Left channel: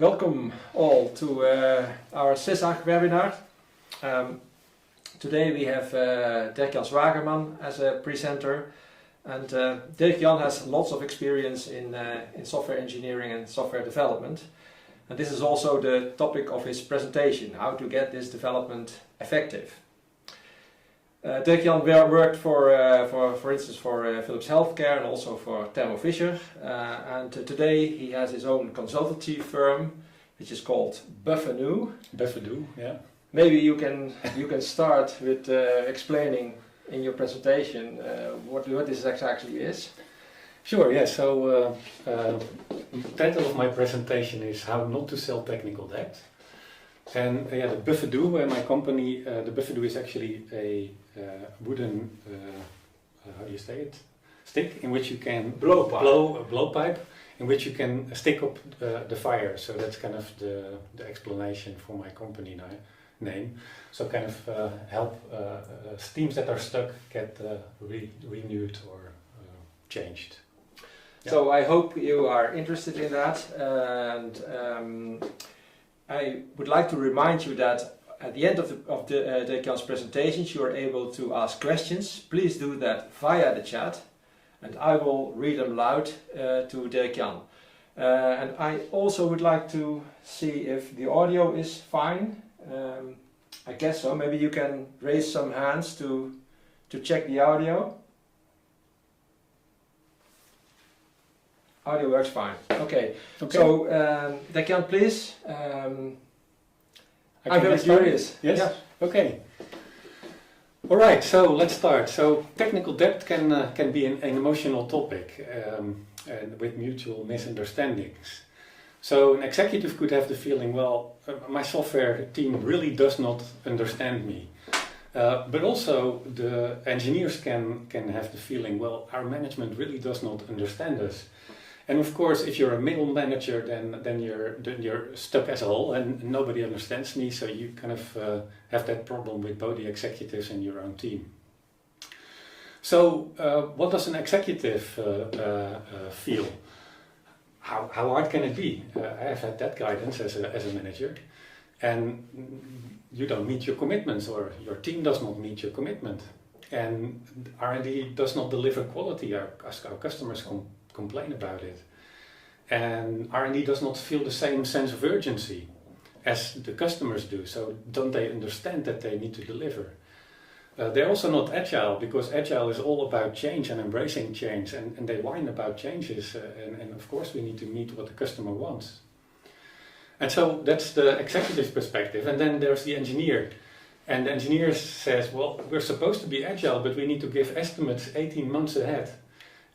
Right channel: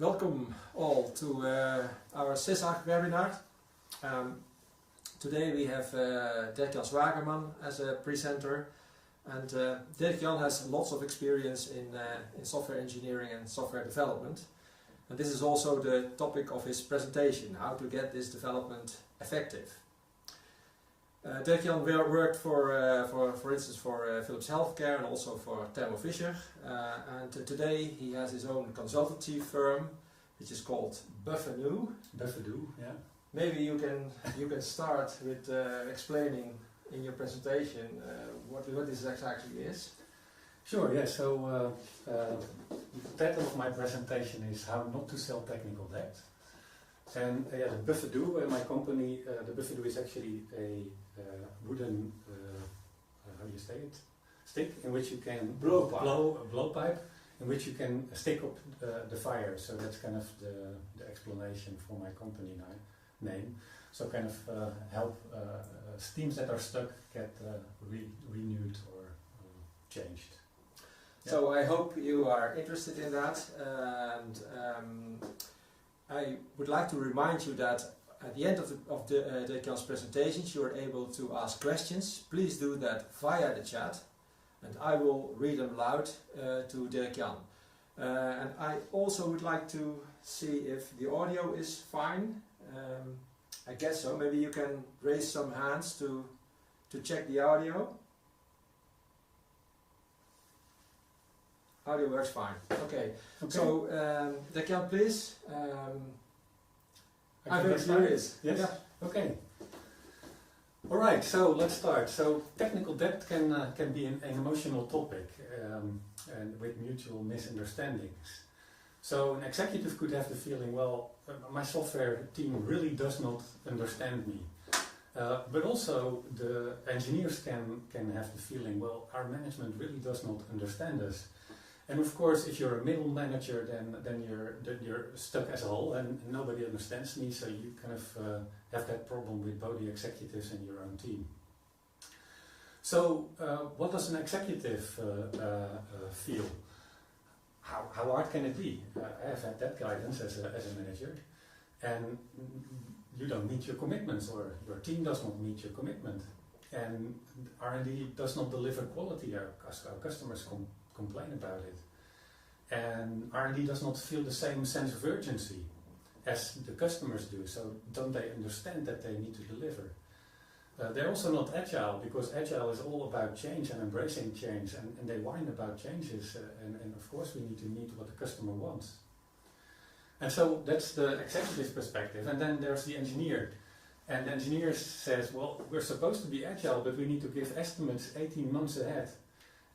Welcome all to our CISAG webinar. Today we have Dirk-Jan as a presenter, and Dirk-Jan has lots of experience in software engineering and software development, and this is also the topic of his presentation: how to get this development effective. Dirk-Jan worked for instance, for Philips Healthcare and also for Thermo Fisher, and today he has his own consultancy firm, which is called buffadoo. Buffadoo, yeah. Maybe you can start with explaining in your presentation what this exactly is. Sure, yeah. So the title of my presentation is How Not to Sell Technical Debt. And the buffadoo, my company, the buffadoo is actually a wooden, how do you say it, stick in which you can blow a blowpipe, in which you can stick up the fire. So that's kind of the explanation for my company name. So kind of help steams that are stuck get renewed or changed. Yeah. So I hope you are interested in that, and I would like to remind you that at the end of Dirk-Jan's presentations you are able to ask questions. Please do that via the chat, and I will read them loud to Dirk-Jan. And I also would like to see if the audio is fine. I guess so. Maybe you can raise some hands to check the audio. Audio works fine. Okay. So Dirk-Jan, please. I'm very curious. Yes? Yeah. Okay. All right, so let's start. So technical debt can be an emotional topic and with mutual misunderstandings. So an executive could have the feeling, well, my software team really does not understand me. But also the engineers can have the feeling, well, our management really does not understand us. And of course, if you're a middle manager, then you're stuck as a whole, and nobody understands me. So you kind of have that problem with both the executives and your own team. So what does an executive feel? How hard can it be? I have had that guidance as a manager, and you don't meet your commitments, or your team does not meet your commitment, and R&D does not deliver quality. Our customers complain about it, and R&D does not feel the same sense of urgency as the customers do. So don't they understand that they need to deliver? They're also not agile, because agile is all about change and embracing change, and they whine about changes, and of course we need to meet what the customer wants. And so that's the executive perspective. And then there's the engineer, and the engineer says, well, we're supposed to be agile, but we need to give estimates 18 months ahead.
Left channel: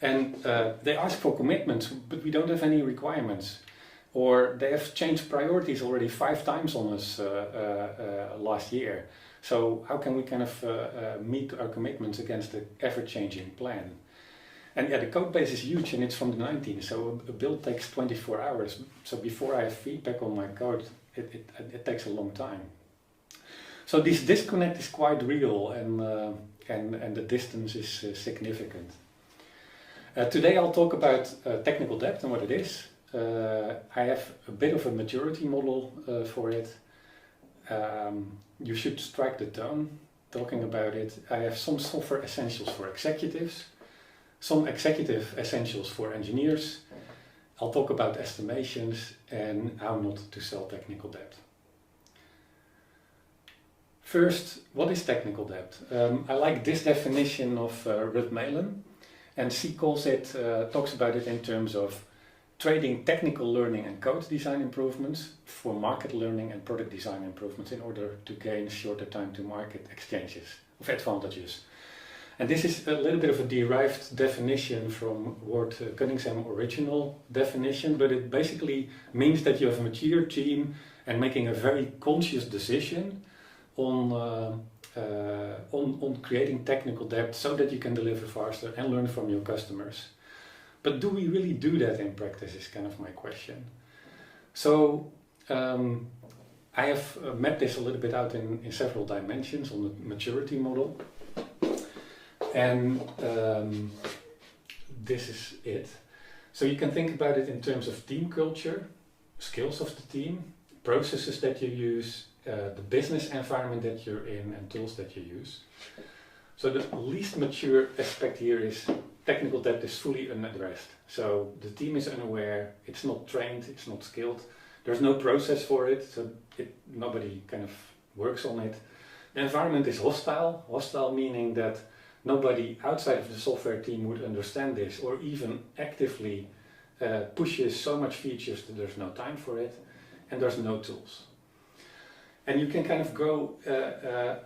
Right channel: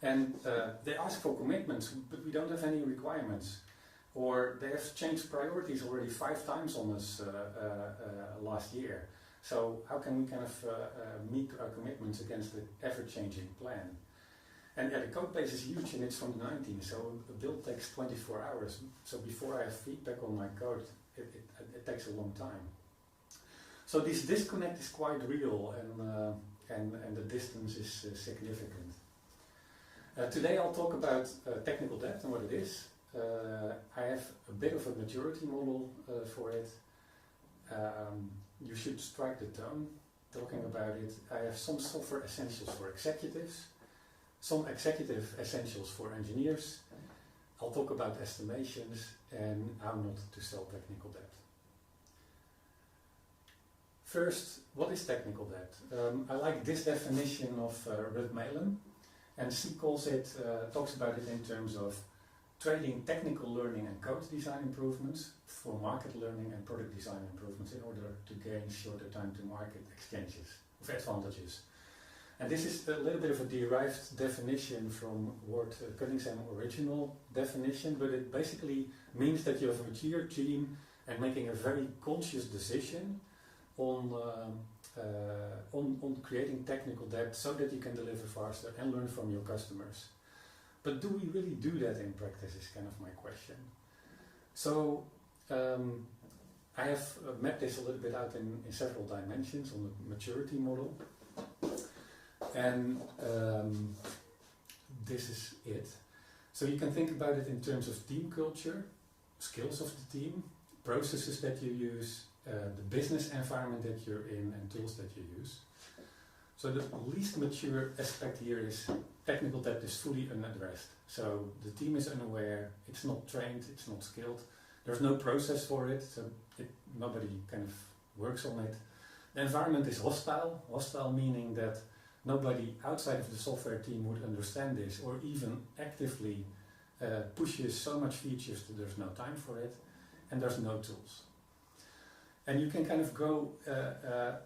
And they ask for commitments, but we don't have any requirements. Or they have changed priorities already 5 times on us last year. So how can we kind of meet our commitments against the ever-changing plan? And the code base is huge, and it's from the 19th, so a build takes 24 hours. So before I have feedback on my code, it takes a long time. So this disconnect is quite real, and the distance is significant. Today I'll talk about technical debt and what it is. I have a bit of a maturity model for it. You should strike the tone talking about it. I have some software essentials for executives, some executive essentials for engineers. I'll talk about estimations and how not to sell technical debt. First, what is technical debt? I like this definition of Ruud Melen. And she talks about it in terms of trading technical learning and code design improvements for market learning and product design improvements in order to gain shorter time to market exchanges of advantages. And this is a little bit of a derived definition from Ward Cunningham's original definition, but it basically means that you have a mature team and making a very conscious decision on creating technical debt so that you can deliver faster and learn from your customers. But do we really do that in practice is kind of my question. So I have mapped this a little bit out in several dimensions on the maturity model. And this is it. So you can think about it in terms of team culture, skills of the team, processes that you use, the business environment that you're in, and tools that you use. So the least mature aspect here is technical debt is fully unaddressed. So the team is unaware, it's not trained, it's not skilled, there's no process for it, so nobody kind of works on it. The environment is hostile meaning that nobody outside of the software team would understand this or even actively pushes so much features that there's no time for it, and there's no tools. And you can kind of go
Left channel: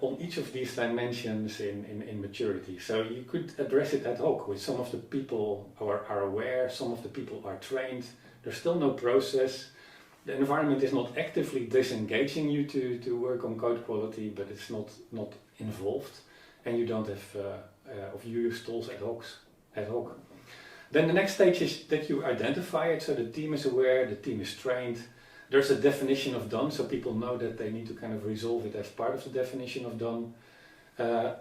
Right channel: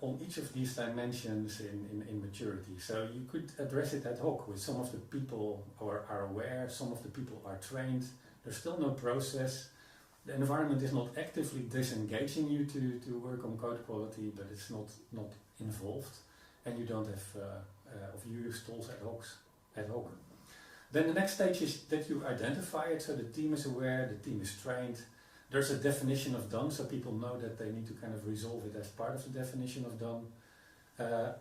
on each of these dimensions in maturity. So you could address it ad hoc with some of the people are aware, some of the people are trained, there's still no process. The environment is not actively disengaging you to work on code quality, but it's not involved, and you don't have, or you use tools ad hoc. Then the next stage is that you identify it, so the team is aware, the team is trained. There's a definition of done, so people know that they need to kind of resolve it as part of the definition of done.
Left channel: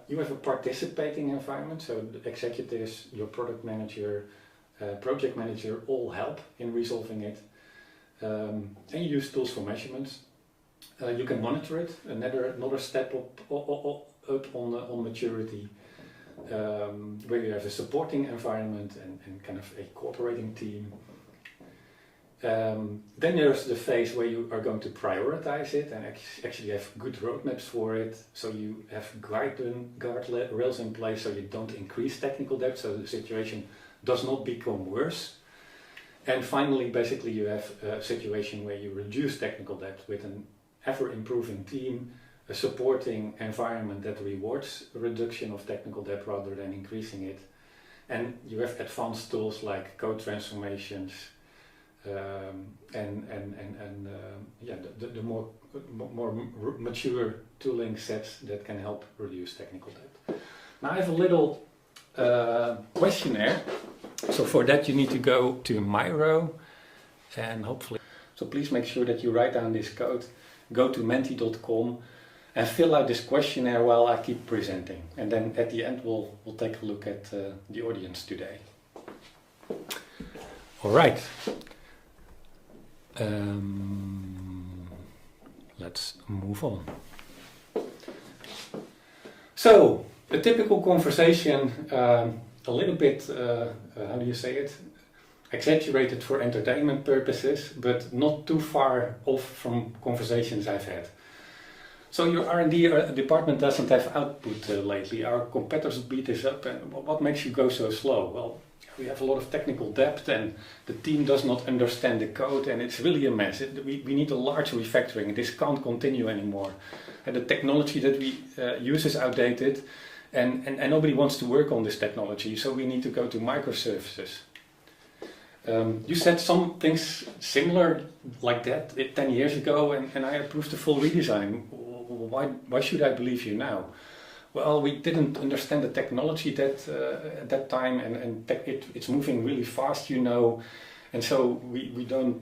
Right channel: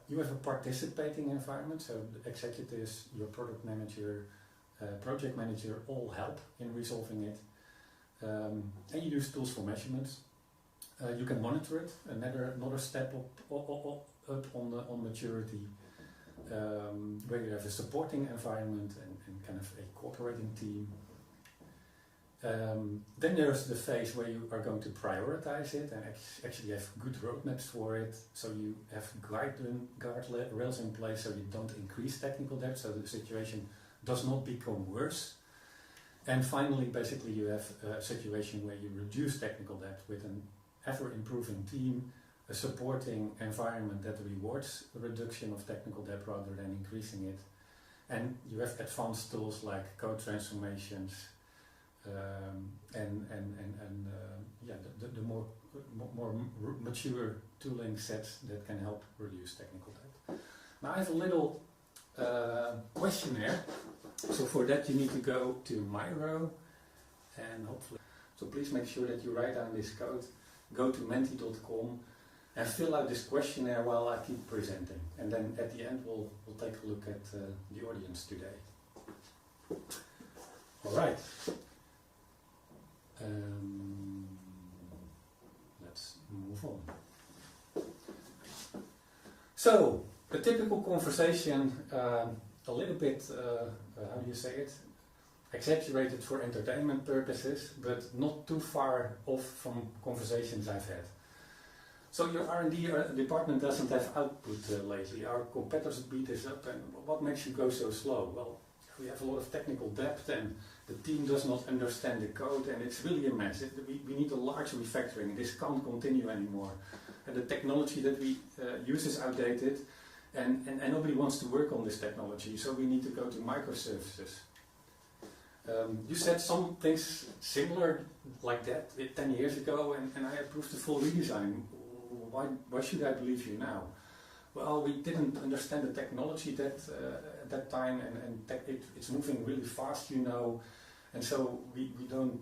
You have a participating environment, so the executives, your product manager, project manager all help in resolving it. And you use tools for measurements. You can monitor it, another step up on maturity, where you have a supporting environment and kind of a cooperating team. Then there's the phase where you are going to prioritize it and actually have good roadmaps for it. So you have guardrails in place so you don't increase technical debt, so the situation does not become worse. And finally, basically, you have a situation where you reduce technical debt with an ever-improving team, a supporting environment that rewards a reduction of technical debt rather than increasing it. And you have advanced tools like code transformations, the more mature tooling sets that can help reduce technical debt. Now I have a little questionnaire. So for that you need to go to Miro and hopefully, so please make sure that you write down this code, go to menti.com and fill out this questionnaire while I keep presenting. And then at the end we'll take a look at the audience today. All right. Let's move on. So, a typical conversation, a little bit, how do you say it? Exaggerated for entertainment purposes, but not too far off from conversations I've had. So your R&D department doesn't have output lately. Our competitors beat this up, and what makes you go so slow? Well, we have a lot of technical debt and the team does not understand the code and it's really a mess. We need a large refactoring. This can't continue anymore. And the technology that we use is outdated and nobody wants to work on this technology, so we need to go to microservices. You said some things similar like that 10 years ago and I approved the full redesign. Why should I believe you now? Well, we didn't understand the technology at that time, and it's moving really fast, you know, and so we didn't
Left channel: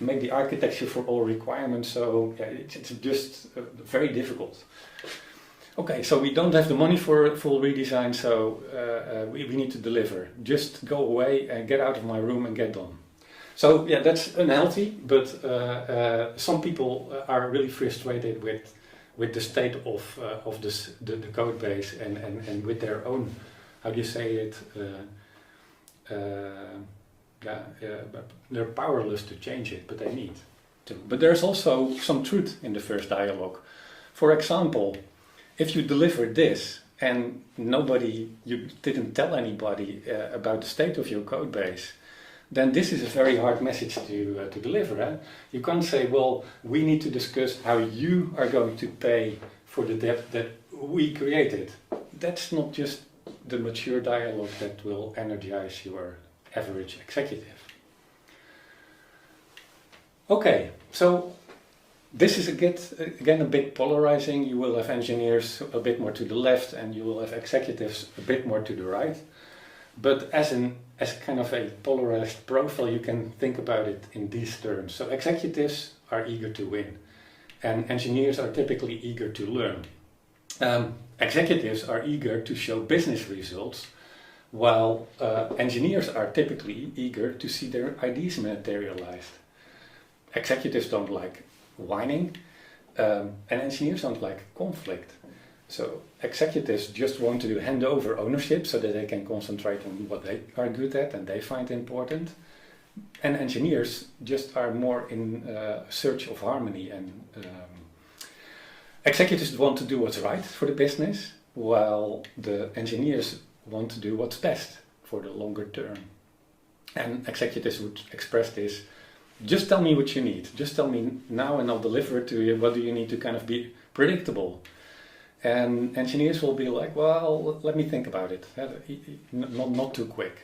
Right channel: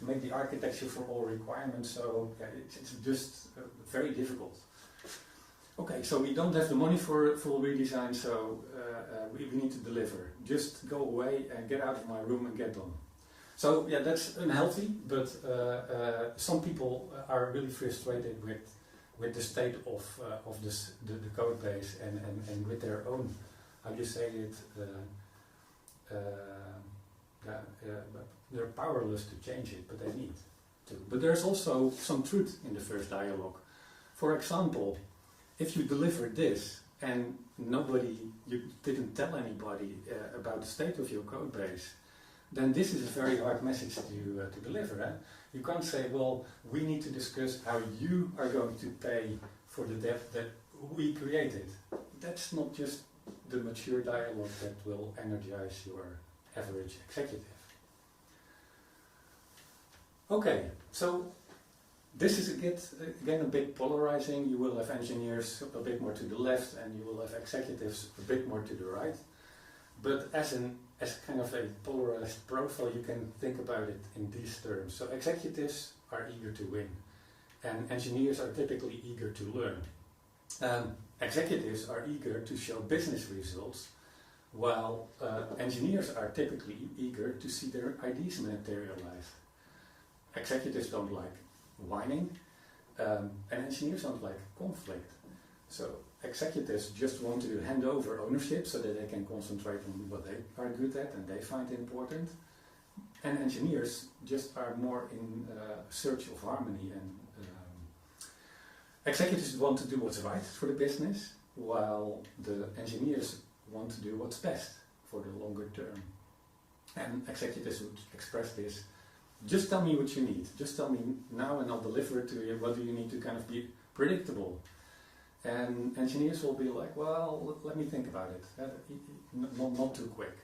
make the architecture for all requirements. So yeah, it's just very difficult. Okay, so we don't have the money for a full redesign, so we need to deliver. Just go away and get out of my room and get done. So yeah, that's unhealthy, but some people are really frustrated with the state of the code base and with their own, how do you say it, they're powerless to change it, but they need to. But there's also some truth in the first dialogue. For example, if you deliver this and you didn't tell anybody about the state of your code base, then this is a very hard message to deliver. Eh? You can't say, well, we need to discuss how you are going to pay for the debt that we created. That's not just the mature dialogue that will energize your average executive. Okay, so this is again a bit polarizing. You will have engineers a bit more to the left and you will have executives a bit more to the right. But as kind of a polarized profile, you can think about it in these terms. So executives are eager to win, and engineers are typically eager to learn. Executives are eager to show business results, while engineers are typically eager to see their ideas materialized. Executives don't like whining, and engineers don't like conflict. So executives just want to hand over ownership so that they can concentrate on what they are good at and they find important. And engineers just are more in search of harmony, and executives want to do what's right for the business, while the engineers want to do what's best for the longer term. And executives would express this: just tell me what you need, just tell me now and I'll deliver it to you. What do you need to kind of be predictable? And engineers will be like, well, let me think about it, not too quick.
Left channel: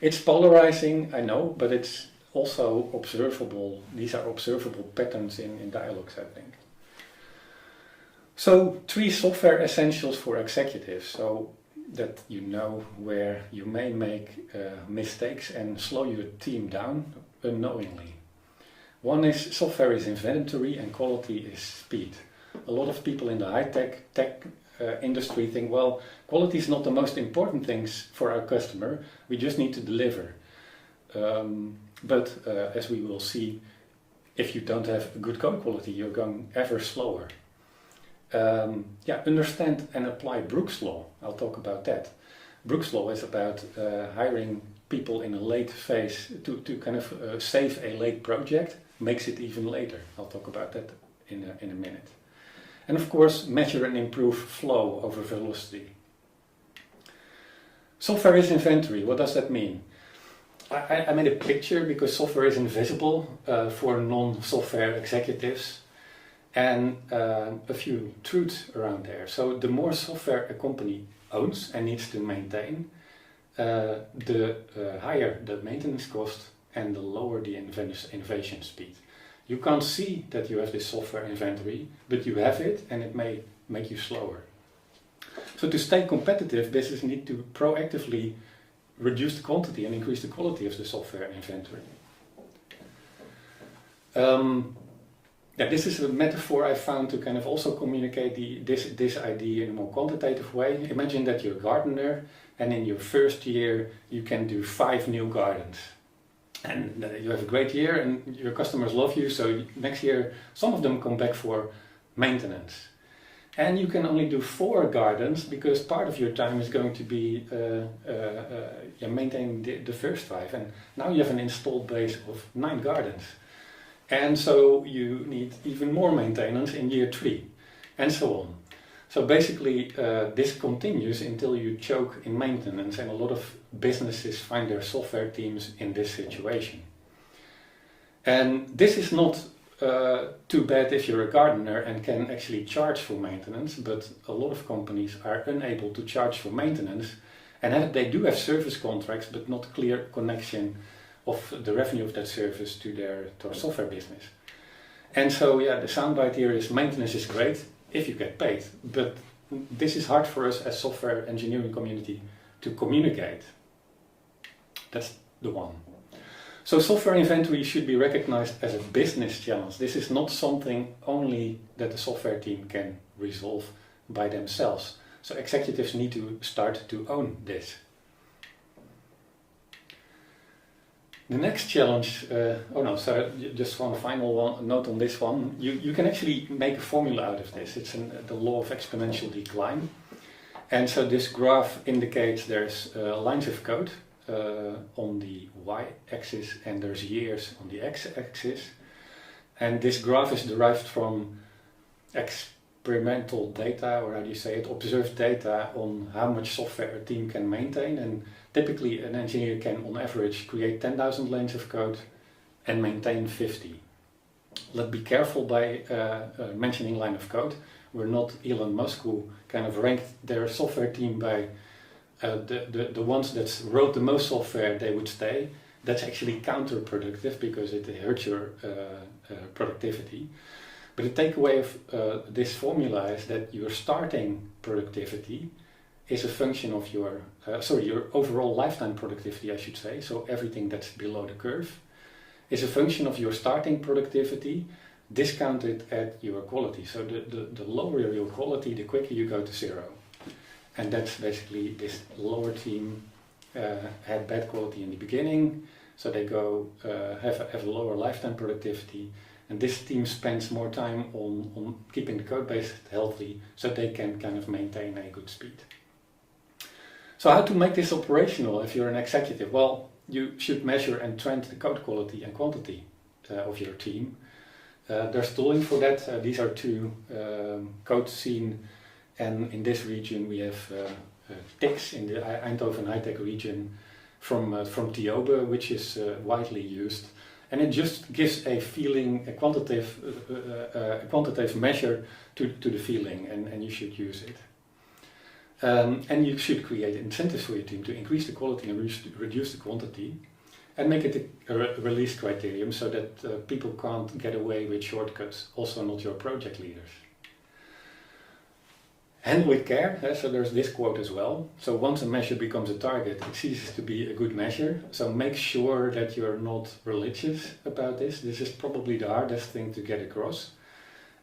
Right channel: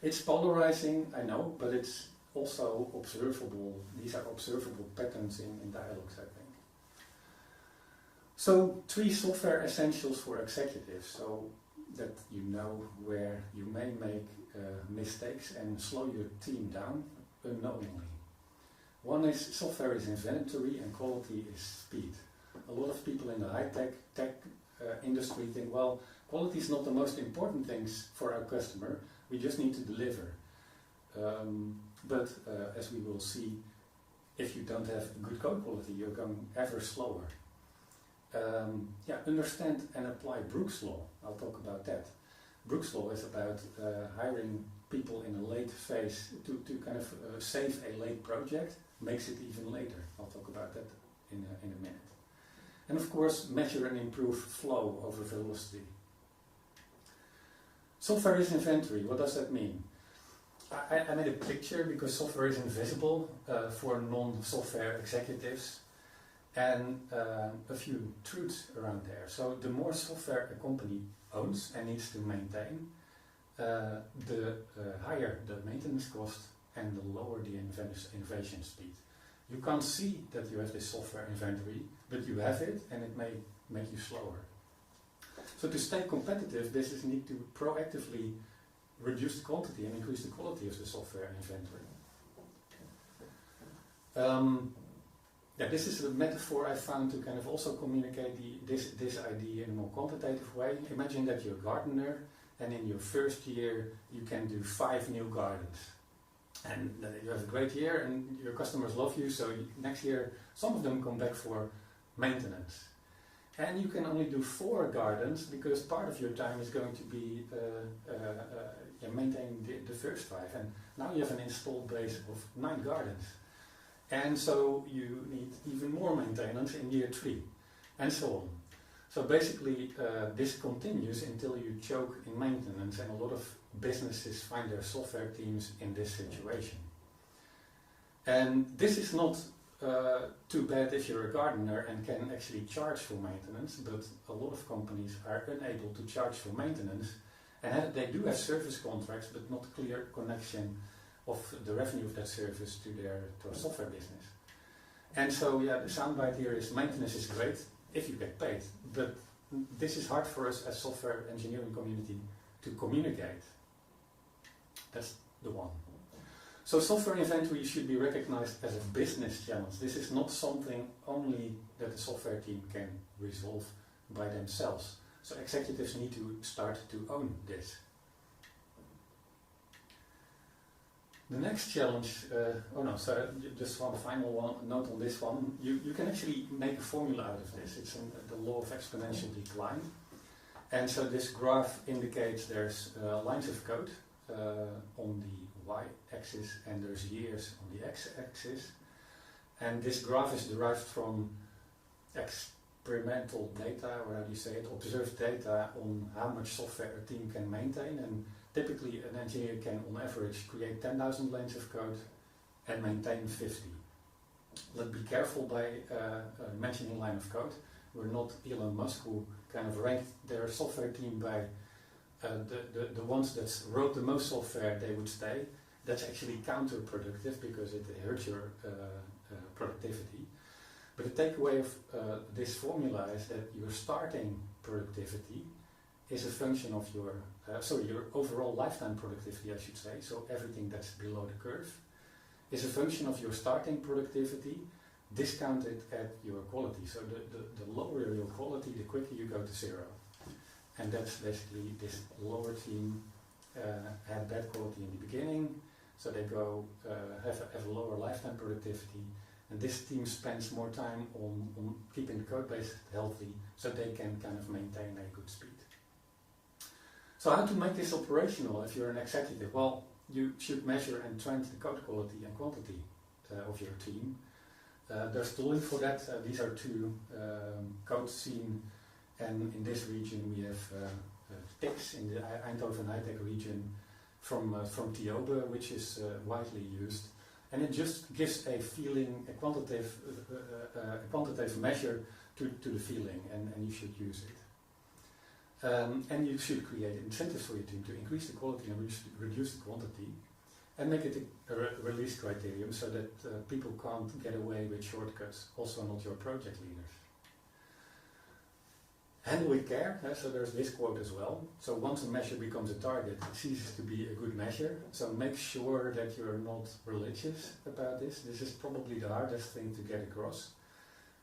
It's polarizing, I know, but it's also observable. These are observable patterns in dialogues, I think. So 3 software essentials for executives, so that you know where you may make mistakes and slow your team down unknowingly. One is software is inventory and quality is speed. A lot of people in the high-tech industry think, well, quality is not the most important things for our customer, we just need to deliver. But as we will see, if you don't have good code quality, you're going ever slower. Understand and apply Brooks' Law. I'll talk about that. Brooks' Law is about hiring people in a late phase to kind of save a late project, makes it even later. I'll talk about that in a minute. And of course, measure and improve flow over velocity. Software is inventory. What does that mean? I made a picture because software is invisible for non-software executives, and a few truths around there. So the more software a company owns and needs to maintain, the higher the maintenance cost and the lower the innovation speed. You can't see that you have this software inventory, but you have it and it may make you slower. So to stay competitive, businesses need to proactively reduce the quantity and increase the quality of the software inventory. This is a metaphor I found to kind of also communicate this idea in a more quantitative way. Imagine that you're a gardener, and in your first year you can do 5 new gardens. And you have a great year and your customers love you, so next year some of them come back for maintenance. And you can only do 4 gardens because part of your time is going to be maintaining the first 5. And now you have an installed base of 9 gardens. And so you need even more maintenance in year 3, and so on. So basically this continues until you choke in maintenance, and a lot of businesses find their software teams in this situation. And this is not too bad if you're a gardener and can actually charge for maintenance, but a lot of companies are unable to charge for maintenance, and they do have service contracts but not clear connection of the revenue of that service to their software business. And so the soundbite here is maintenance is great if you get paid, but this is hard for us as software engineering community to communicate. That's the one. So software inventory should be recognized as a business challenge. This is not something only that the software team can resolve by themselves. So executives need to start to own this. The next challenge, just one final note on this one. You can actually make a formula out of this. It's the law of exponential decline. And so this graph indicates there's lines of code on the y-axis and there's years on the x-axis. And this graph is derived from experimental data, or how do you say it, observed data on how much software a team can maintain. And typically an engineer can on average create 10,000 lines of code and maintain 50. Let's be careful by mentioning line of code. We're not Elon Musk, who kind of ranked their software team by the ones that wrote the most software, they would stay. That's actually counterproductive because it hurts your productivity. But the takeaway of this formula is that your starting productivity is a function of your overall lifetime productivity, I should say. So everything that's below the curve is a function of your starting productivity discounted at your quality. So the lower your quality, the quicker you go to 0. And that's basically this lower team had bad quality in the beginning, so they go have a lower lifetime productivity, and this team spends more time on keeping the code base healthy so they can kind of maintain a good speed. So how to make this operational if you're an executive? Well, you should measure and trend the code quality and quantity of your team. There's tooling for that. These are two code scene, and in this region we have TICs in the Eindhoven high-tech region from Tiobe, which is widely used, and it just gives a feeling, a quantitative measure to the feeling, and you should use it. And you should create incentives for your team to increase the quality and reduce the quantity, and make it a release criterion so that people can't get away with shortcuts, also not your project leaders. Handle with care, so there's this quote as well. So once a measure becomes a target, it ceases to be a good measure. So make sure that you're not religious about this. This is probably the hardest thing to get across.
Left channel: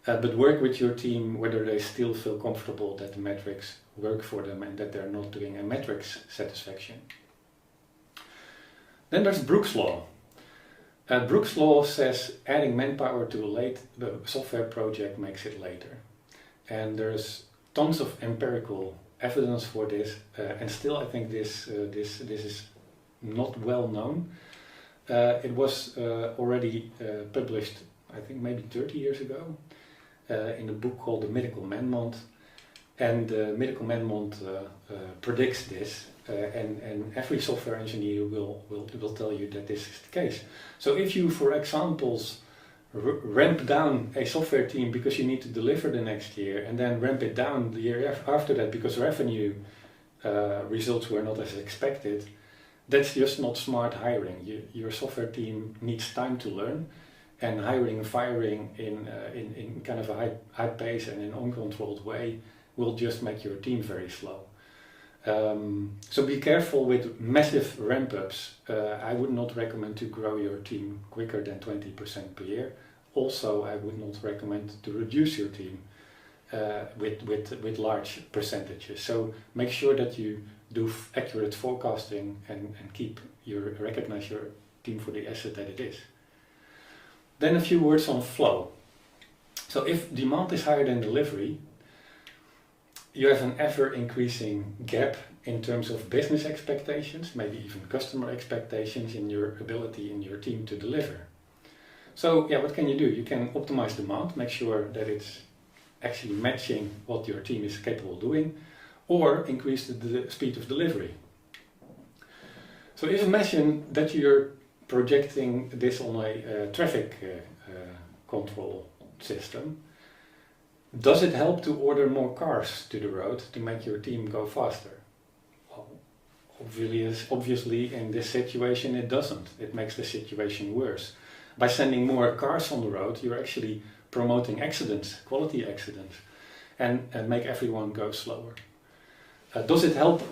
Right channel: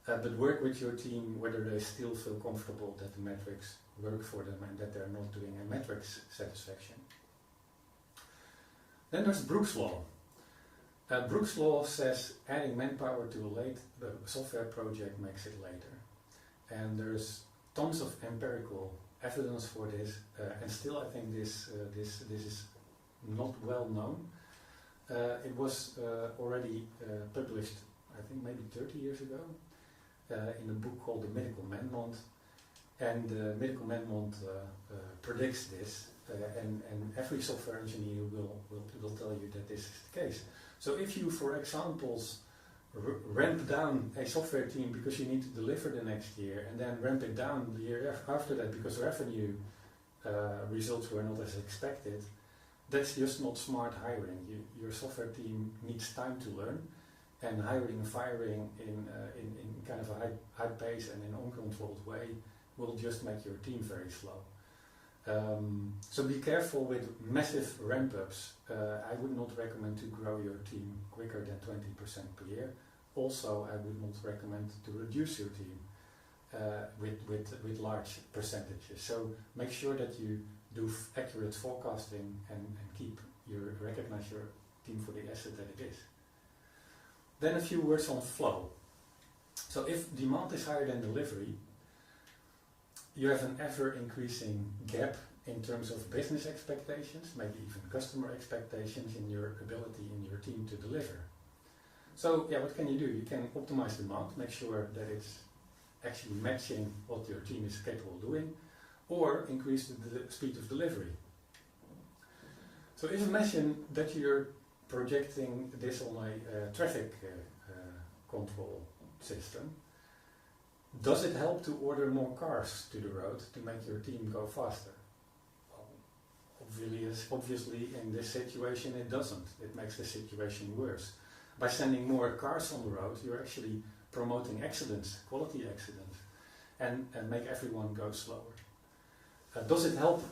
But work with your team whether they still feel comfortable that the metrics work for them and that they're not doing a metrics satisfaction. Then there's Brooks' Law. Brooks' Law says adding manpower to a software project makes it later. And there's tons of empirical evidence for this, and still I think this is not well known. It was already published, I think maybe 30 years ago, in a book called The Medical Man-Month, and the Medical Man-Month predicts this, and every software engineer will tell you that this is the case. So if you, for examples, ramp down a software team because you need to deliver the next year, and then ramp it down the year after that because revenue results were not as expected, that's just not smart hiring. Your software team needs time to learn, and hiring and firing in kind of a high pace and in an uncontrolled way will just make your team very slow. So be careful with massive ramp-ups. I would not recommend to grow your team quicker than 20% per year. Also, I would not recommend to reduce your team with large percentages. So make sure that you do accurate forecasting and recognize your team for the asset that it is. Then a few words on flow. So if demand is higher than delivery, you have an ever increasing gap in terms of business expectations, maybe even customer expectations in your ability in your team to deliver. So yeah, what can you do? You can optimize demand, make sure that it's actually matching what your team is capable of doing, or increase the speed of delivery. So if imagine that you're projecting this on a traffic control system, does it help to order more cars to the road to make your team go faster? Well, obviously in this situation it doesn't. It makes the situation worse. By sending more cars on the road, you're actually promoting accidents, quality accidents, and make everyone go slower. Does it help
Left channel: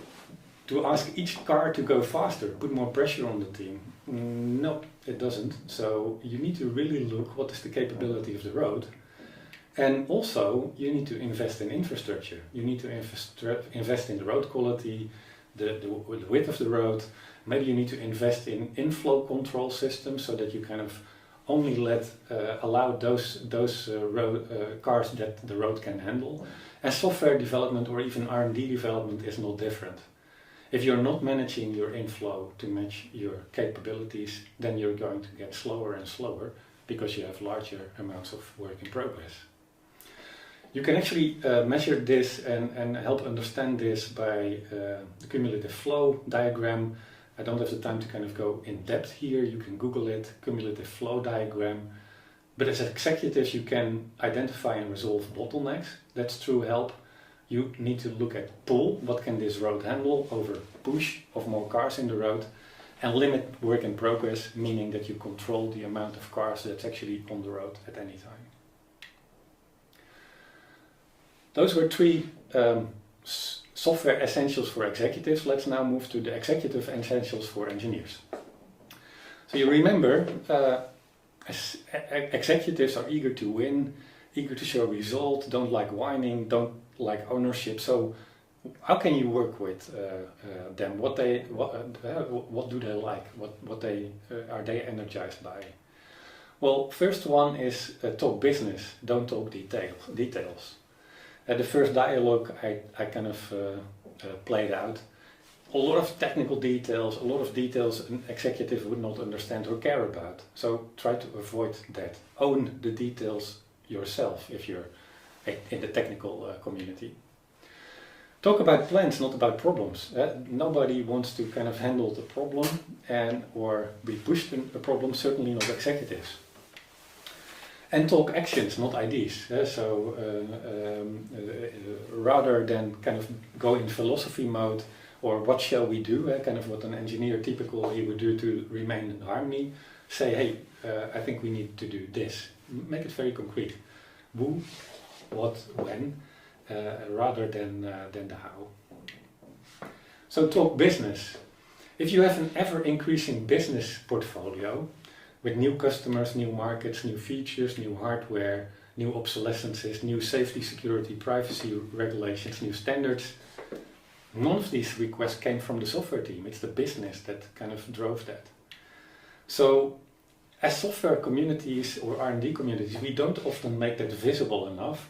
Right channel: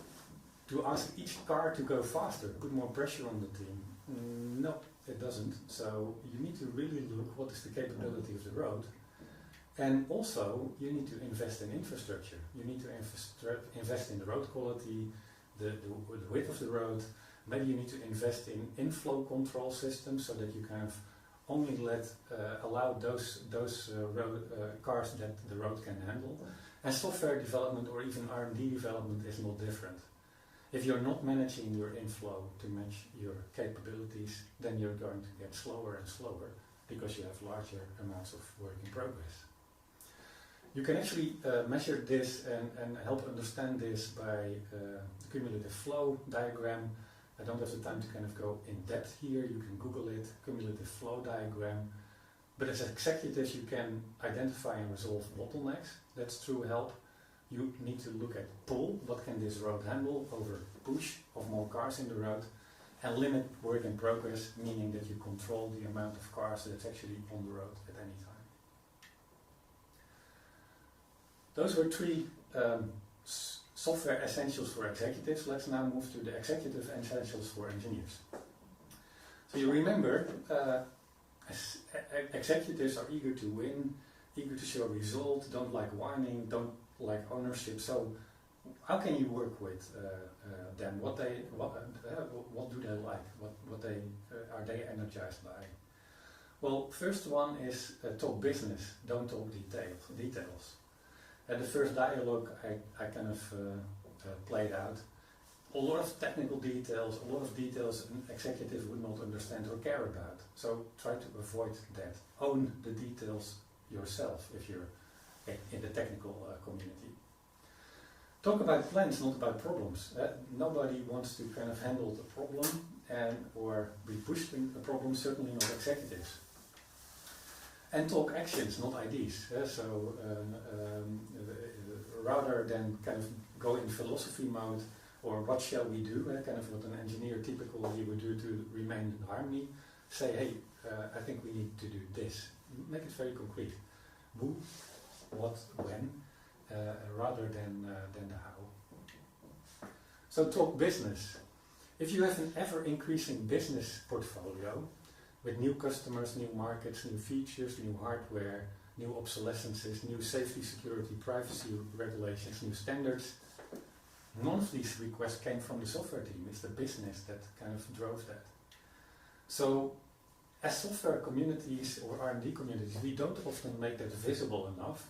to ask each car to go faster, put more pressure on the team? No, it doesn't. So you need to really look what is the capability of the road. And also, you need to invest in infrastructure. You need to invest in the road quality, the width of the road. Maybe you need to invest in inflow control systems so that you kind of only allow those cars that the road can handle. And software development or even R&D development is not different. If you're not managing your inflow to match your capabilities, then you're going to get slower and slower because you have larger amounts of work in progress. You can actually measure this and help understand this by the cumulative flow diagram. I don't have the time to kind of go in depth here. You can Google it, cumulative flow diagram. But as executives, you can identify and resolve bottlenecks. That's true help. You need to look at pull, what can this road handle, over push of more cars in the road, and limit work in progress, meaning that you control the amount of cars that's actually on the road at any time. Those were three software essentials for executives. Let's now move to the executive essentials for engineers. So you remember, executives are eager to win, eager to show result, don't like whining, don't like ownership. So how can you work with them? What do they like? What are they energized by? Well, first one is talk business, don't talk details. At the first dialogue I kind of played out. A lot of technical details, a lot of details an executive would not understand or care about. So try to avoid that. Own the details yourself if you're in the technical community. Talk about plans, not about problems. Nobody wants to kind of handle the problem or be pushed in a problem, certainly not executives. And talk actions, not ideas. Rather than kind of go in philosophy mode, or what shall we do, kind of what an engineer typically would do to remain in harmony, say, hey, I think we need to do this. Make it very concrete. Who, what, when, rather than the how. So talk business. If you have an ever-increasing business portfolio, with new customers, new markets, new features, new hardware, new obsolescences, new safety, security, privacy regulations, new standards. None of these requests came from the software team. It's the business that kind of drove that. So as software communities or R&D communities, we don't often make that visible enough.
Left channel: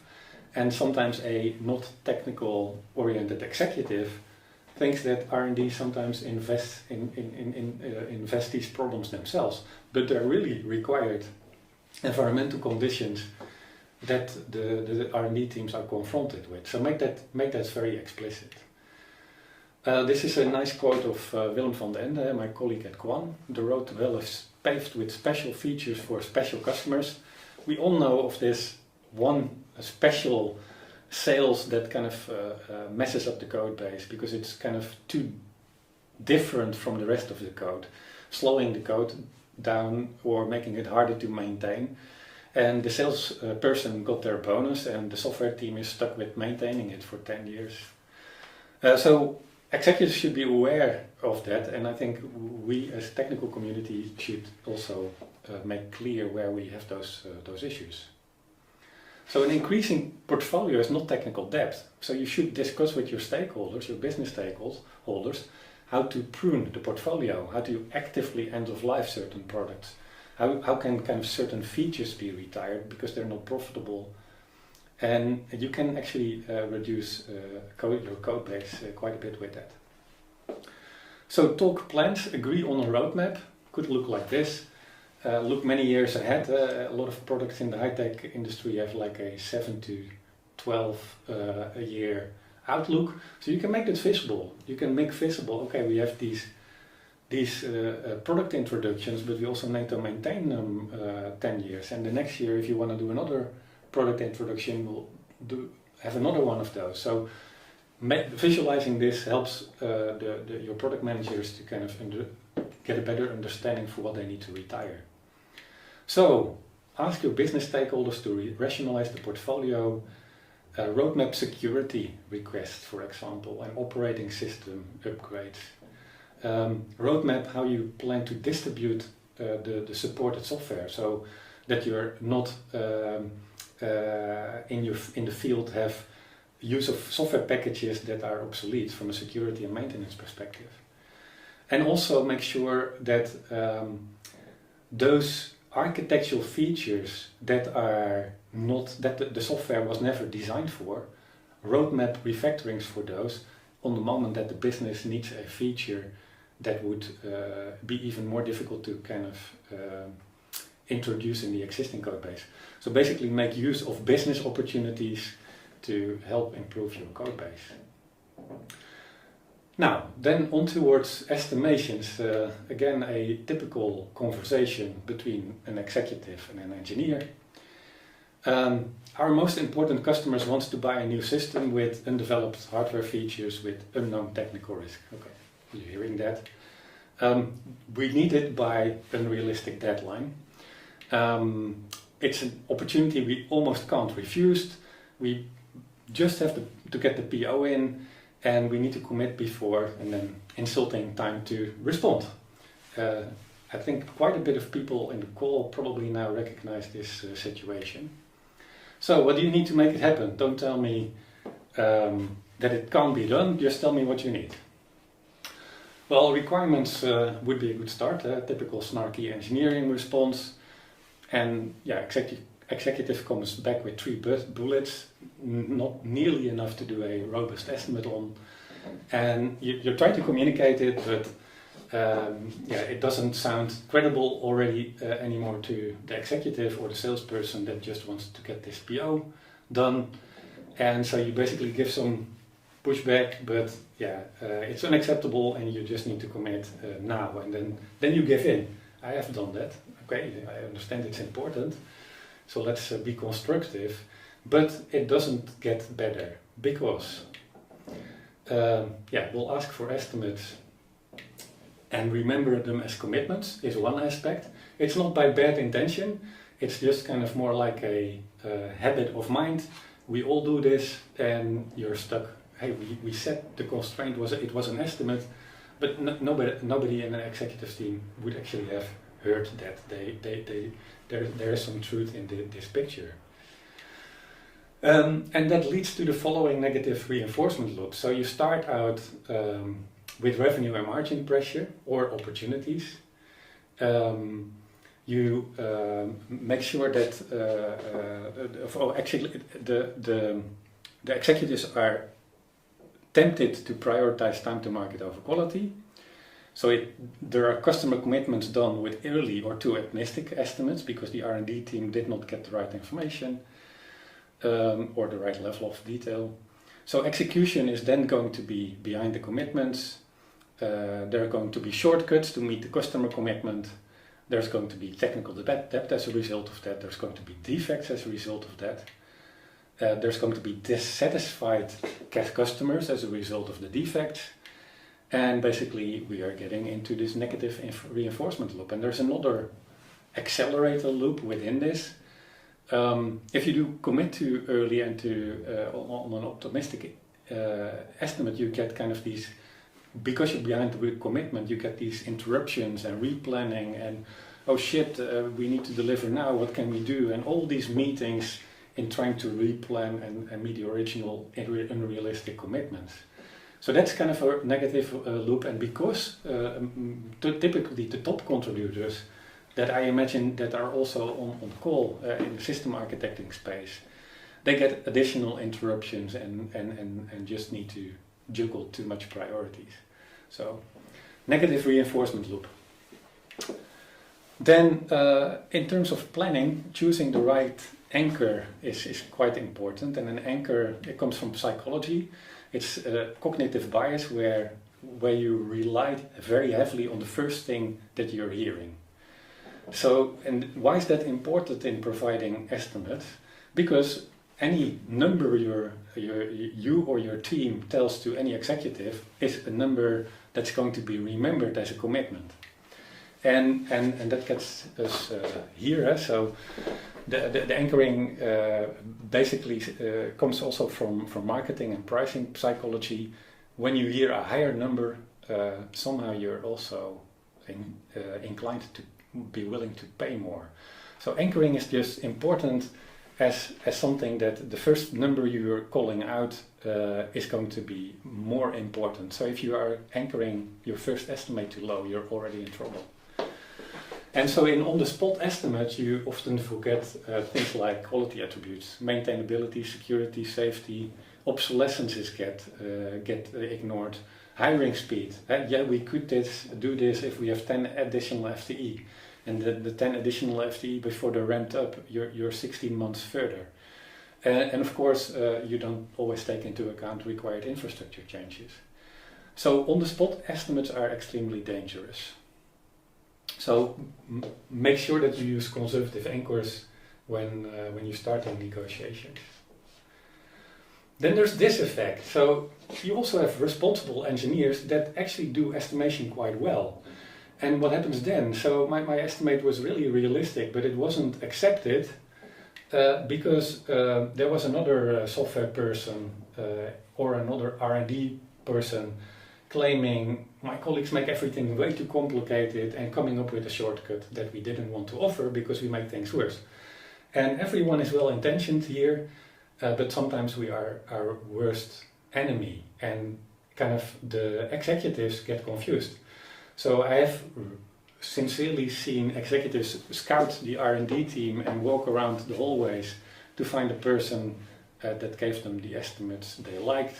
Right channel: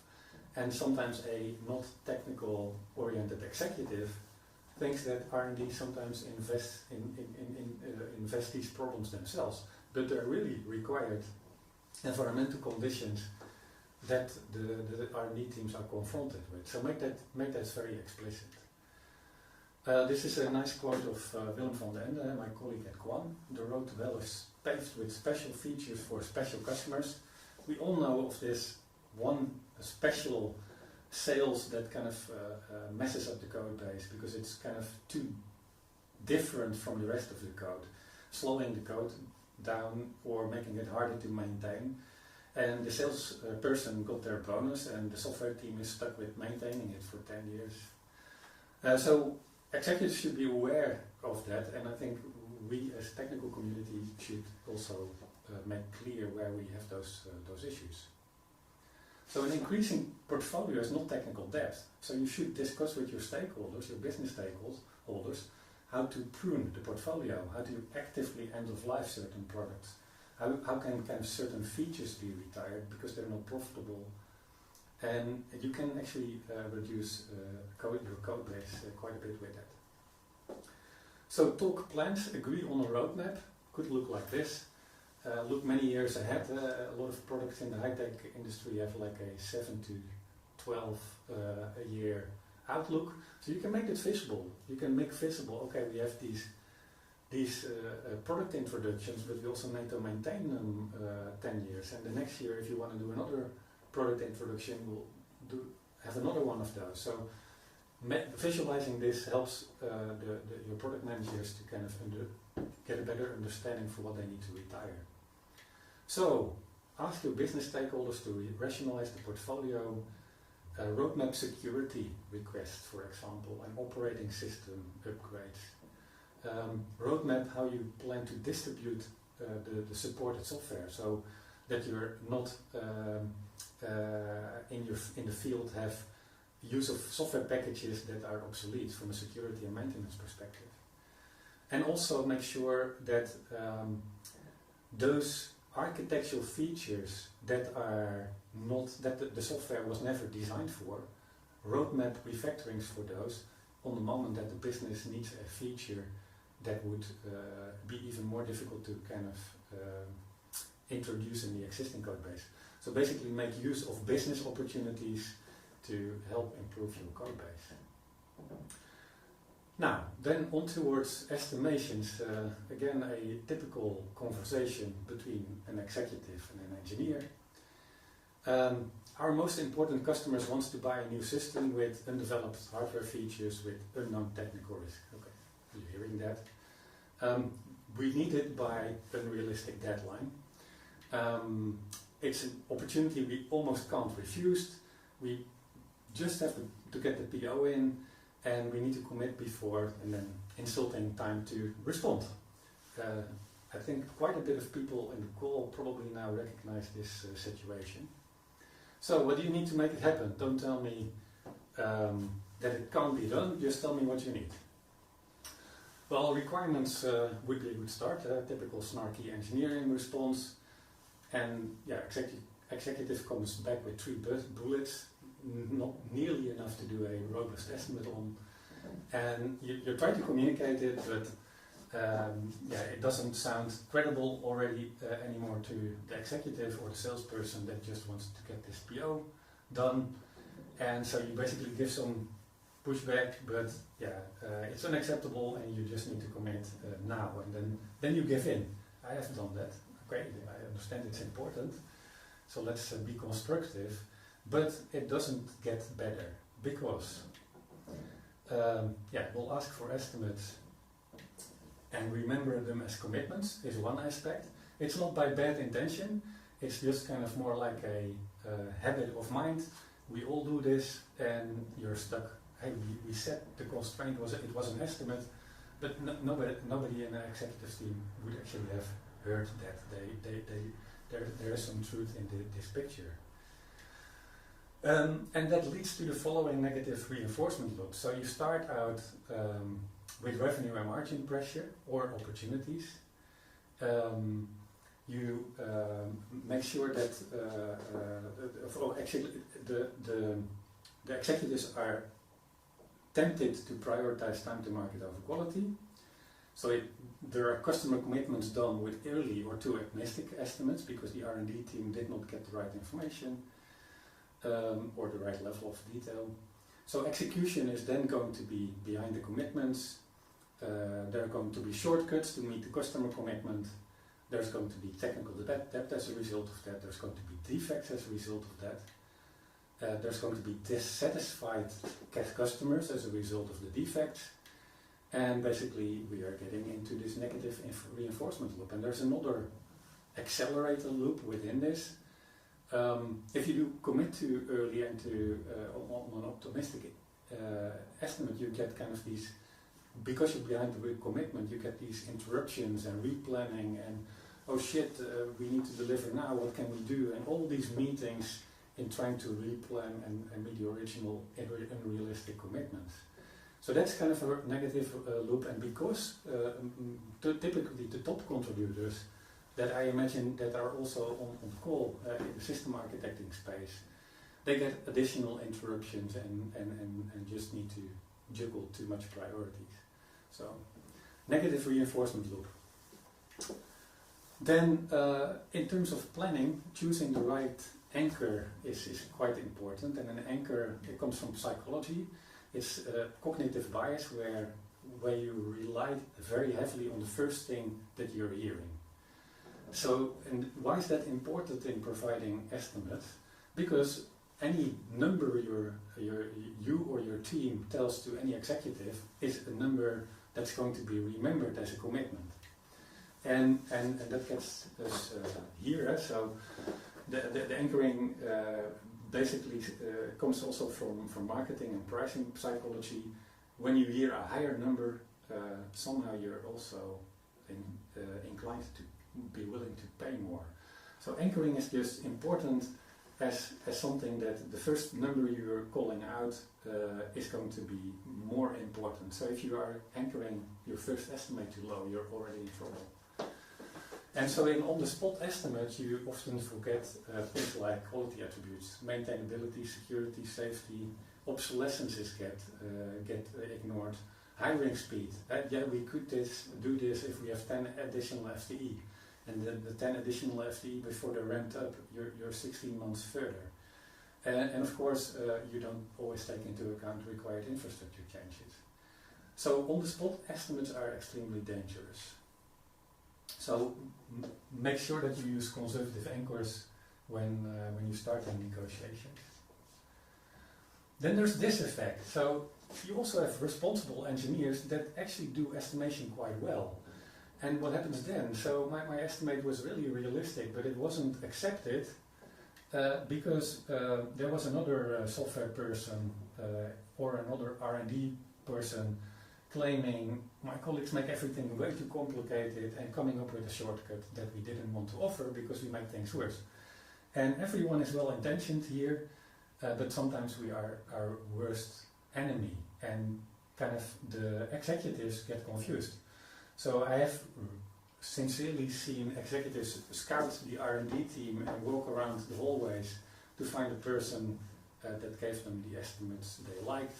And sometimes a not technical oriented executive thinks that R&D sometimes invest these problems themselves, but they're really required environmental conditions that the R&D teams are confronted with. So make that very explicit. This is a nice quote of Willem van den Ende, my colleague at Quan. The road to hell is paved with special features for special customers. We all know of this one special sales that kind of messes up the code base because it's kind of too different from the rest of the code, slowing the code down or making it harder to maintain. And the sales person got their bonus and the software team is stuck with maintaining it for 10 years. So executives should be aware of that, and I think we as technical community should also make clear where we have those issues. So an increasing portfolio is not technical debt. So you should discuss with your stakeholders, your business stakeholders, how to prune the portfolio, how to actively end of life certain products, how can kind of certain features be retired because they're not profitable, and you can actually reduce your code base quite a bit with that. So talk plans, agree on a roadmap, could look like this. Look many years ahead. A lot of products in the high-tech industry have like a 7 to 12 a year outlook. So you can make it visible. You can make visible, okay, we have these product introductions, but we also need to maintain them 10 years. And the next year, if you want to do another product introduction, we'll have another one of those. So visualizing this helps your product managers to kind of get a better understanding for what they need to retire. So ask your business stakeholders to rationalize the portfolio, roadmap security requests, for example, and operating system upgrades. Roadmap how you plan to distribute the supported software, so that you're not in the field have use of software packages that are obsolete from a security and maintenance perspective. And also make sure that those architectural features that are not, that the software was never designed for, roadmap refactorings for those on the moment that the business needs a feature that would be even more difficult to kind of introduce in the existing code base. So basically make use of business opportunities to help improve your code base. Now, then on towards estimations. Again, a typical conversation between an executive and an engineer. Our most important customers want to buy a new system with undeveloped hardware features with unknown technical risk. Okay, you're hearing that. We need it by unrealistic deadline. It's an opportunity we almost can't refuse. We just have to get the PO in, and we need to commit before, and then insulting time to respond. I think quite a bit of people in the call probably now recognize this situation. So what do you need to make it happen? Don't tell me that it can't be done, just tell me what you need. Well, requirements would be a good start, typical snarky engineering response. And yeah, executive comes back with 3 bullets, not nearly enough to do a robust estimate on. And you try to communicate it, but it doesn't sound credible already anymore to the executive or the salesperson that just wants to get this PO done. And so you basically give some pushback, but it's unacceptable and you just need to commit now. And then you give in. I have done that. Okay, I understand it's important, so let's be constructive, but it doesn't get better because we'll ask for estimates and remember them as commitments is one aspect. It's not by bad intention, it's just kind of more like a habit of mind. We all do this and you're stuck. Hey, we set the constraint, it was an estimate, but nobody in an executive team would actually have heard that there is some truth in this picture. And that leads to the following negative reinforcement loop. So you start out with revenue and margin pressure or opportunities. You make sure that the executives are tempted to prioritize time to market over quality. So there are customer commitments done with early or too optimistic estimates because the R&D team did not get the right information or the right level of detail. So execution is then going to be behind the commitments. There are going to be shortcuts to meet the customer commitment. There's going to be technical debt as a result of that. There's going to be defects as a result of that. There's going to be dissatisfied customers as a result of the defects. And basically we are getting into this negative reinforcement loop. And there's another accelerator loop within this. If you do commit too early and on an optimistic estimate, you get kind of these, because you're behind the commitment, you get these interruptions and replanning and, oh shit, we need to deliver now, what can we do? And all these meetings in trying to replan and meet the original unrealistic commitments. So that's kind of a negative loop, and because typically the top contributors that I imagine that are also on the call in the system architecting space, they get additional interruptions and just need to juggle too much priorities. So negative reinforcement loop. Then in terms of planning, choosing the right anchor is quite important, and an anchor, it comes from psychology. It's a cognitive bias where you rely very heavily on the first thing that you're hearing. So, and why is that important in providing estimates? Because any number you or your team tells to any executive is a number that's going to be remembered as a commitment. And that gets us here. So the anchoring basically comes also from marketing and pricing psychology. When you hear a higher number, somehow you're also inclined to be willing to pay more. So anchoring is just important as something that the first number you're calling out is going to be more important. So if you are anchoring your first estimate too low, you're already in trouble. And so in on-the-spot estimates, you often forget things like quality attributes, maintainability, security, safety, obsolescences get ignored, hiring speed. We could do this if we have 10 additional FTE. And the 10 additional FTE before they're ramped up, you're 16 months further. And of course, you don't always take into account required infrastructure changes. So on-the-spot estimates are extremely dangerous. So make sure that you use conservative anchors when you start in negotiations. Then there's this effect. So you also have responsible engineers that actually do estimation quite well. And what happens then? So my estimate was really realistic, but it wasn't accepted because there was another software person or another R&D person claiming my colleagues make everything way too complicated and coming up with a shortcut that we didn't want to offer because we make things worse. And everyone is well intentioned here, but sometimes we are our worst enemy, and kind of the executives get confused. So I have sincerely seen executives scout the R&D team and walk around the hallways to find a person that gave them the estimates they liked.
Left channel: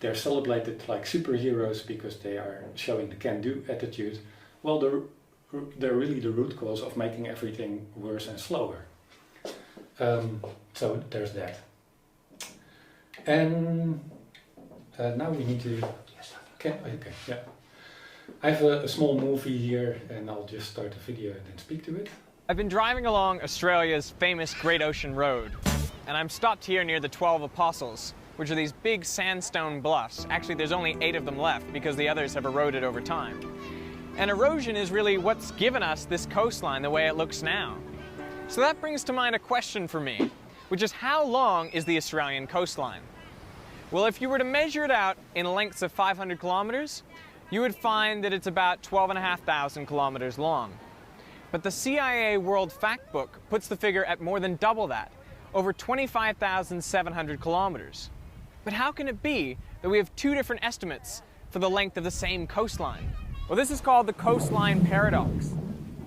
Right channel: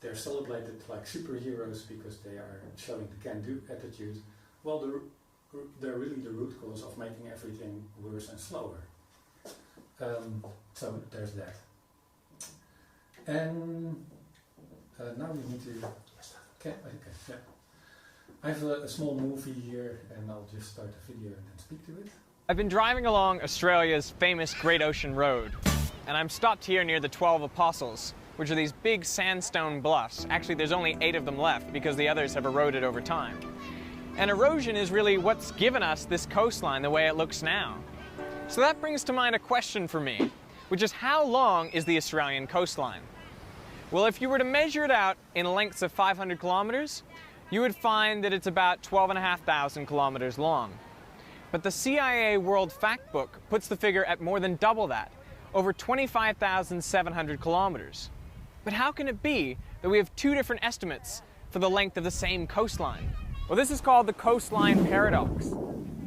They're celebrated like superheroes because they are showing the can-do attitude. Well, they're really the root cause of making everything worse and slower. So there's that. And now we need to... Okay, yeah. I have a small movie here, and I'll just start the video and then speak to it. I've been driving along Australia's famous Great Ocean Road, and I'm stopped here near the 12 Apostles, which are these big sandstone bluffs. Actually, there's only 8 of them left because the others have eroded over time. And erosion is really what's given us this coastline the way it looks now. So that brings to mind a question for me, which is how long is the Australian coastline? Well, if you were to measure it out in lengths of 500 kilometers, you would find that it's about 12,500 kilometers long. But the CIA World Factbook puts the figure at more than double that, over 25,700 kilometers. But how can it be that we have 2 different estimates for the length of the same coastline? Well, this is called the coastline paradox.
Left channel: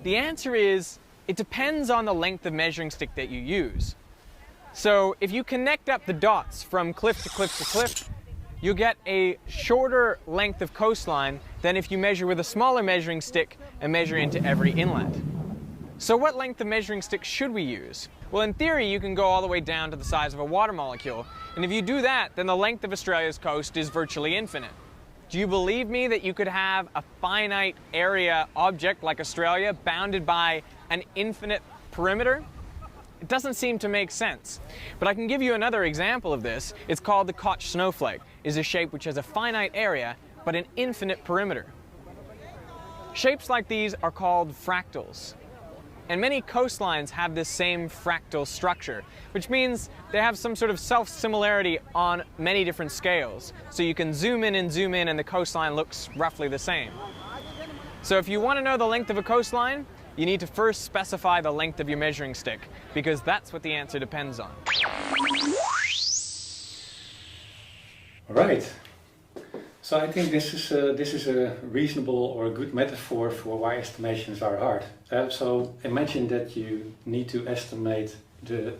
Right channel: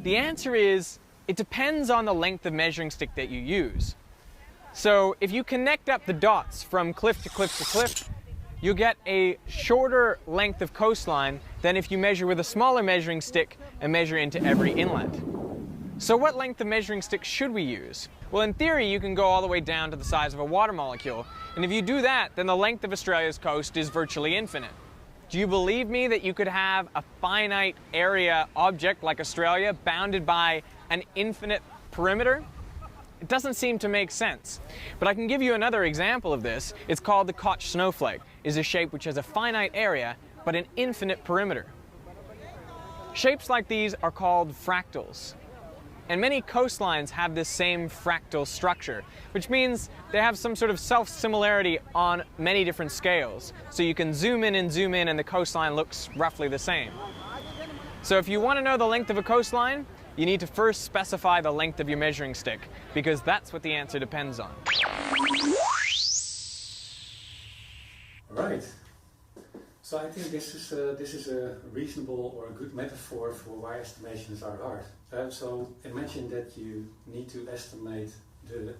The answer is, it depends on the length of measuring stick that you use. So if you connect up the dots from cliff to cliff to cliff, you'll get a shorter length of coastline than if you measure with a smaller measuring stick and measure into every inlet. So what length of measuring stick should we use? Well, in theory, you can go all the way down to the size of a water molecule. And if you do that, then the length of Australia's coast is virtually infinite. Do you believe me that you could have a finite area object like Australia bounded by an infinite perimeter? It doesn't seem to make sense. But I can give you another example of this. It's called the Koch snowflake. It's a shape which has a finite area, but an infinite perimeter. Shapes like these are called fractals. And many coastlines have this same fractal structure, which means they have some sort of self-similarity on many different scales. So you can zoom in and the coastline looks roughly the same. So if you want to know the length of a coastline, you need to first specify the length of your measuring stick, because that's what the answer depends on. All right. So I think this is a reasonable or a good metaphor for why estimations are hard. So imagine that you need to estimate the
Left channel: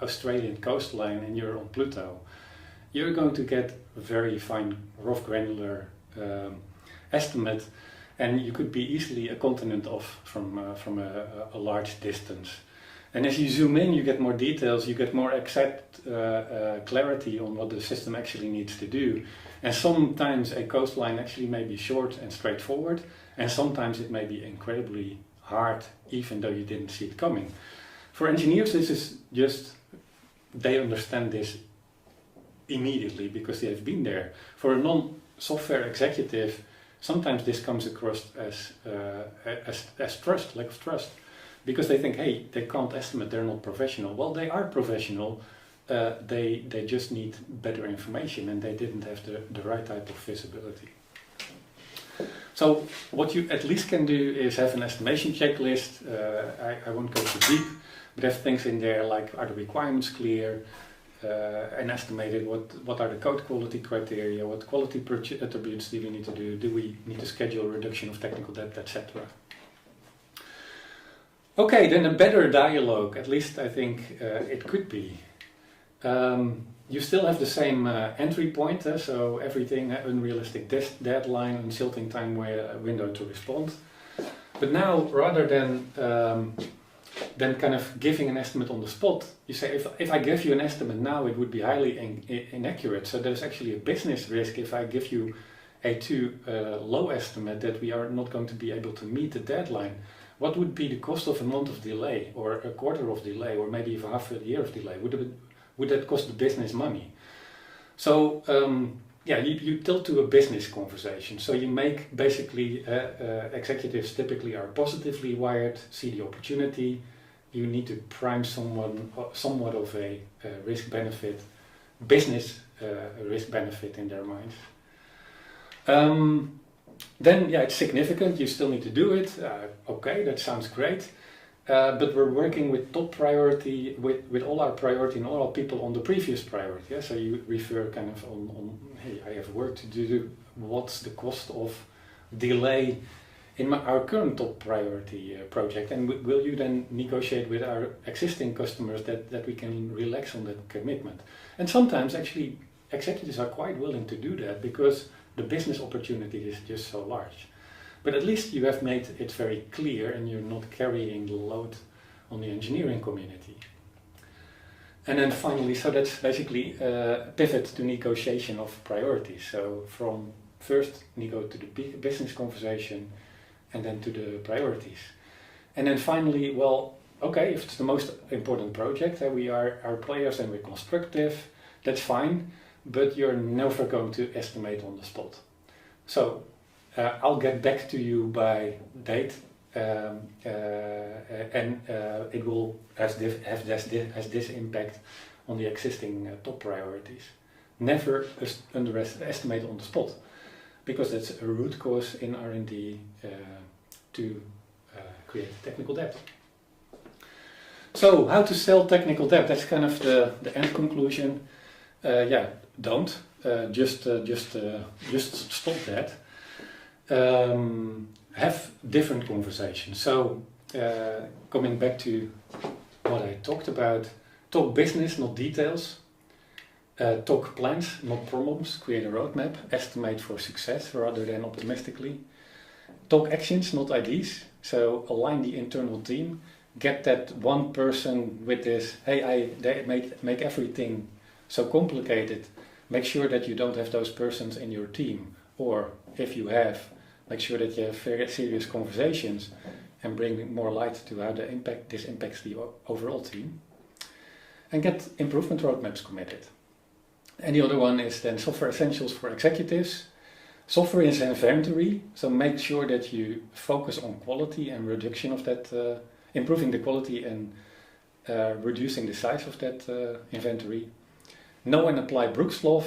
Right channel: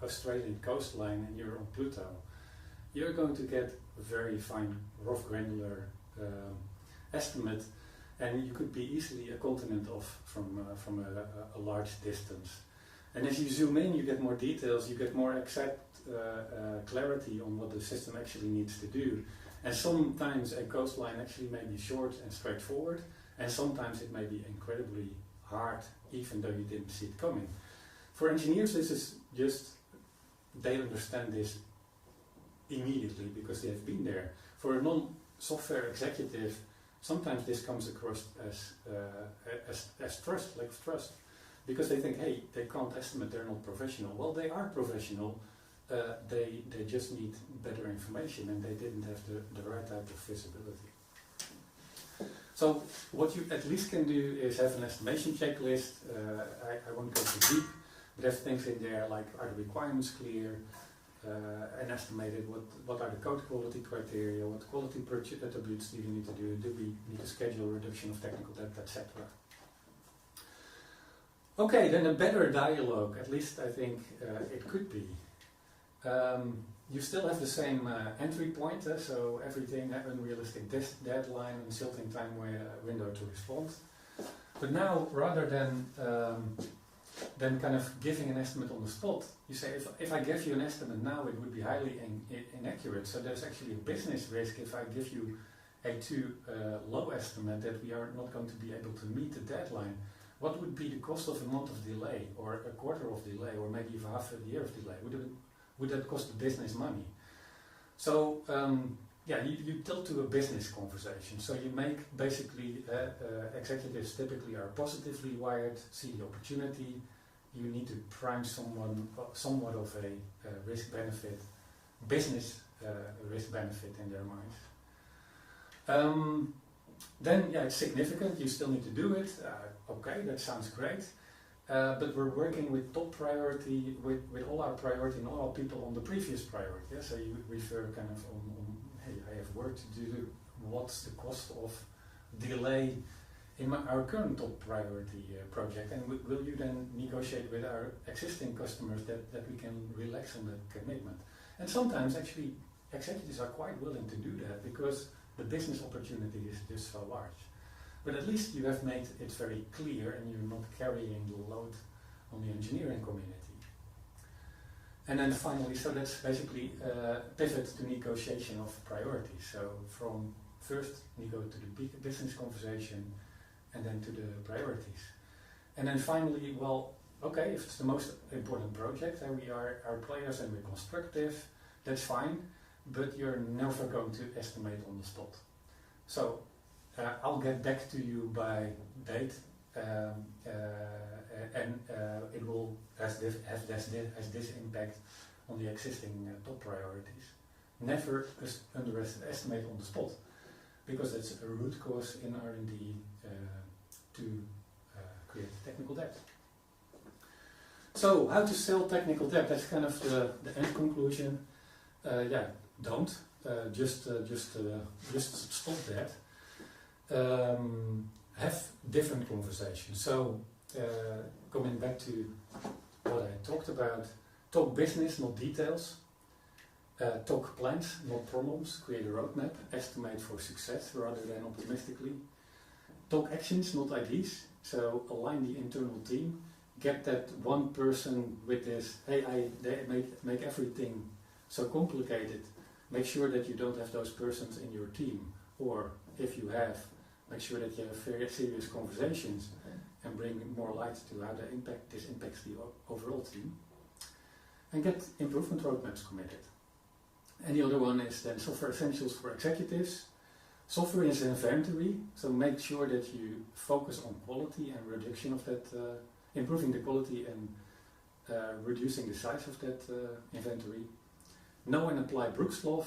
Australian coastline and you're on Pluto. You're going to get a very fine, rough, granular estimate, and you could be easily a continent off from a large distance. And as you zoom in, you get more details, you get more exact clarity on what the system actually needs to do. And sometimes a coastline actually may be short and straightforward, and sometimes it may be incredibly hard, even though you didn't see it coming. For engineers, this is just, they understand this immediately because they have been there. For a non-software executive, sometimes this comes across as trust, lack of trust, because they think, hey, they can't estimate, they're not professional. Well, they are professional. They just need better information, and they didn't have the right type of visibility. So what you at least can do is have an estimation checklist. I won't go too deep, but have things in there like, are the requirements clear, and estimated what are the code quality criteria, what quality attributes do we need to do we need to schedule reduction of technical debt, etc. Okay, then a better dialogue, at least I think it could be. You still have the same entry point, so everything, unrealistic deadline, insulting time window to respond. But now, rather than kind of giving an estimate on the spot, you say, if I give you an estimate now, it would be highly inaccurate. So there's actually a business risk if I give you a too low estimate that we are not going to be able to meet the deadline. What would be the cost of a month of delay, or a quarter of delay, or maybe even half a year of delay? Would that cost the business money? So you tilt to a business conversation. So you make basically, executives typically are positively wired, see the opportunity. You need to prime somewhat of a risk-benefit, business risk-benefit in their minds. Then it's significant, you still need to do it. Okay, that sounds great. but we're working with top priority, with all our priority and all our people on the previous priority. Yeah? So you refer kind of on, hey, I have work to do, what's the cost of delay in our current top priority project, and will you then negotiate with our existing customers that we can relax on that commitment? And sometimes actually executives are quite willing to do that because the business opportunity is just so large. But at least you have made it very clear and you're not carrying the load on the engineering community. And then finally, so that's basically pivot to negotiation of priorities. So from first nego to the business conversation and then to the priorities. And then finally, well, okay, if it's the most important project, we are our players and we're constructive, that's fine, but you're never going to estimate on the spot. So I'll get back to you by date, and it will have this impact on the existing top priorities. Never underestimate on the spot, because that's a root cause in R&D to create technical debt. So how to sell technical debt? That's kind of the end conclusion. Don't just stop that. Have different conversations. So coming back to what I talked about, talk business, not details. Talk plans, not problems. Create a roadmap. Estimate for success rather than optimistically. Talk actions, not ideas. So align the internal team. Get that one person with this, hey, they make everything so complicated. Make sure that you don't have those persons in your team. Or if you have, make sure that you have very serious conversations and bring more light to how this impacts the overall team. And get improvement roadmaps committed. And the other one is then software essentials for executives. Software is inventory, so make sure that you focus on quality and reduction of that, improving the quality and reducing the size of that inventory. Know and apply Brooks law,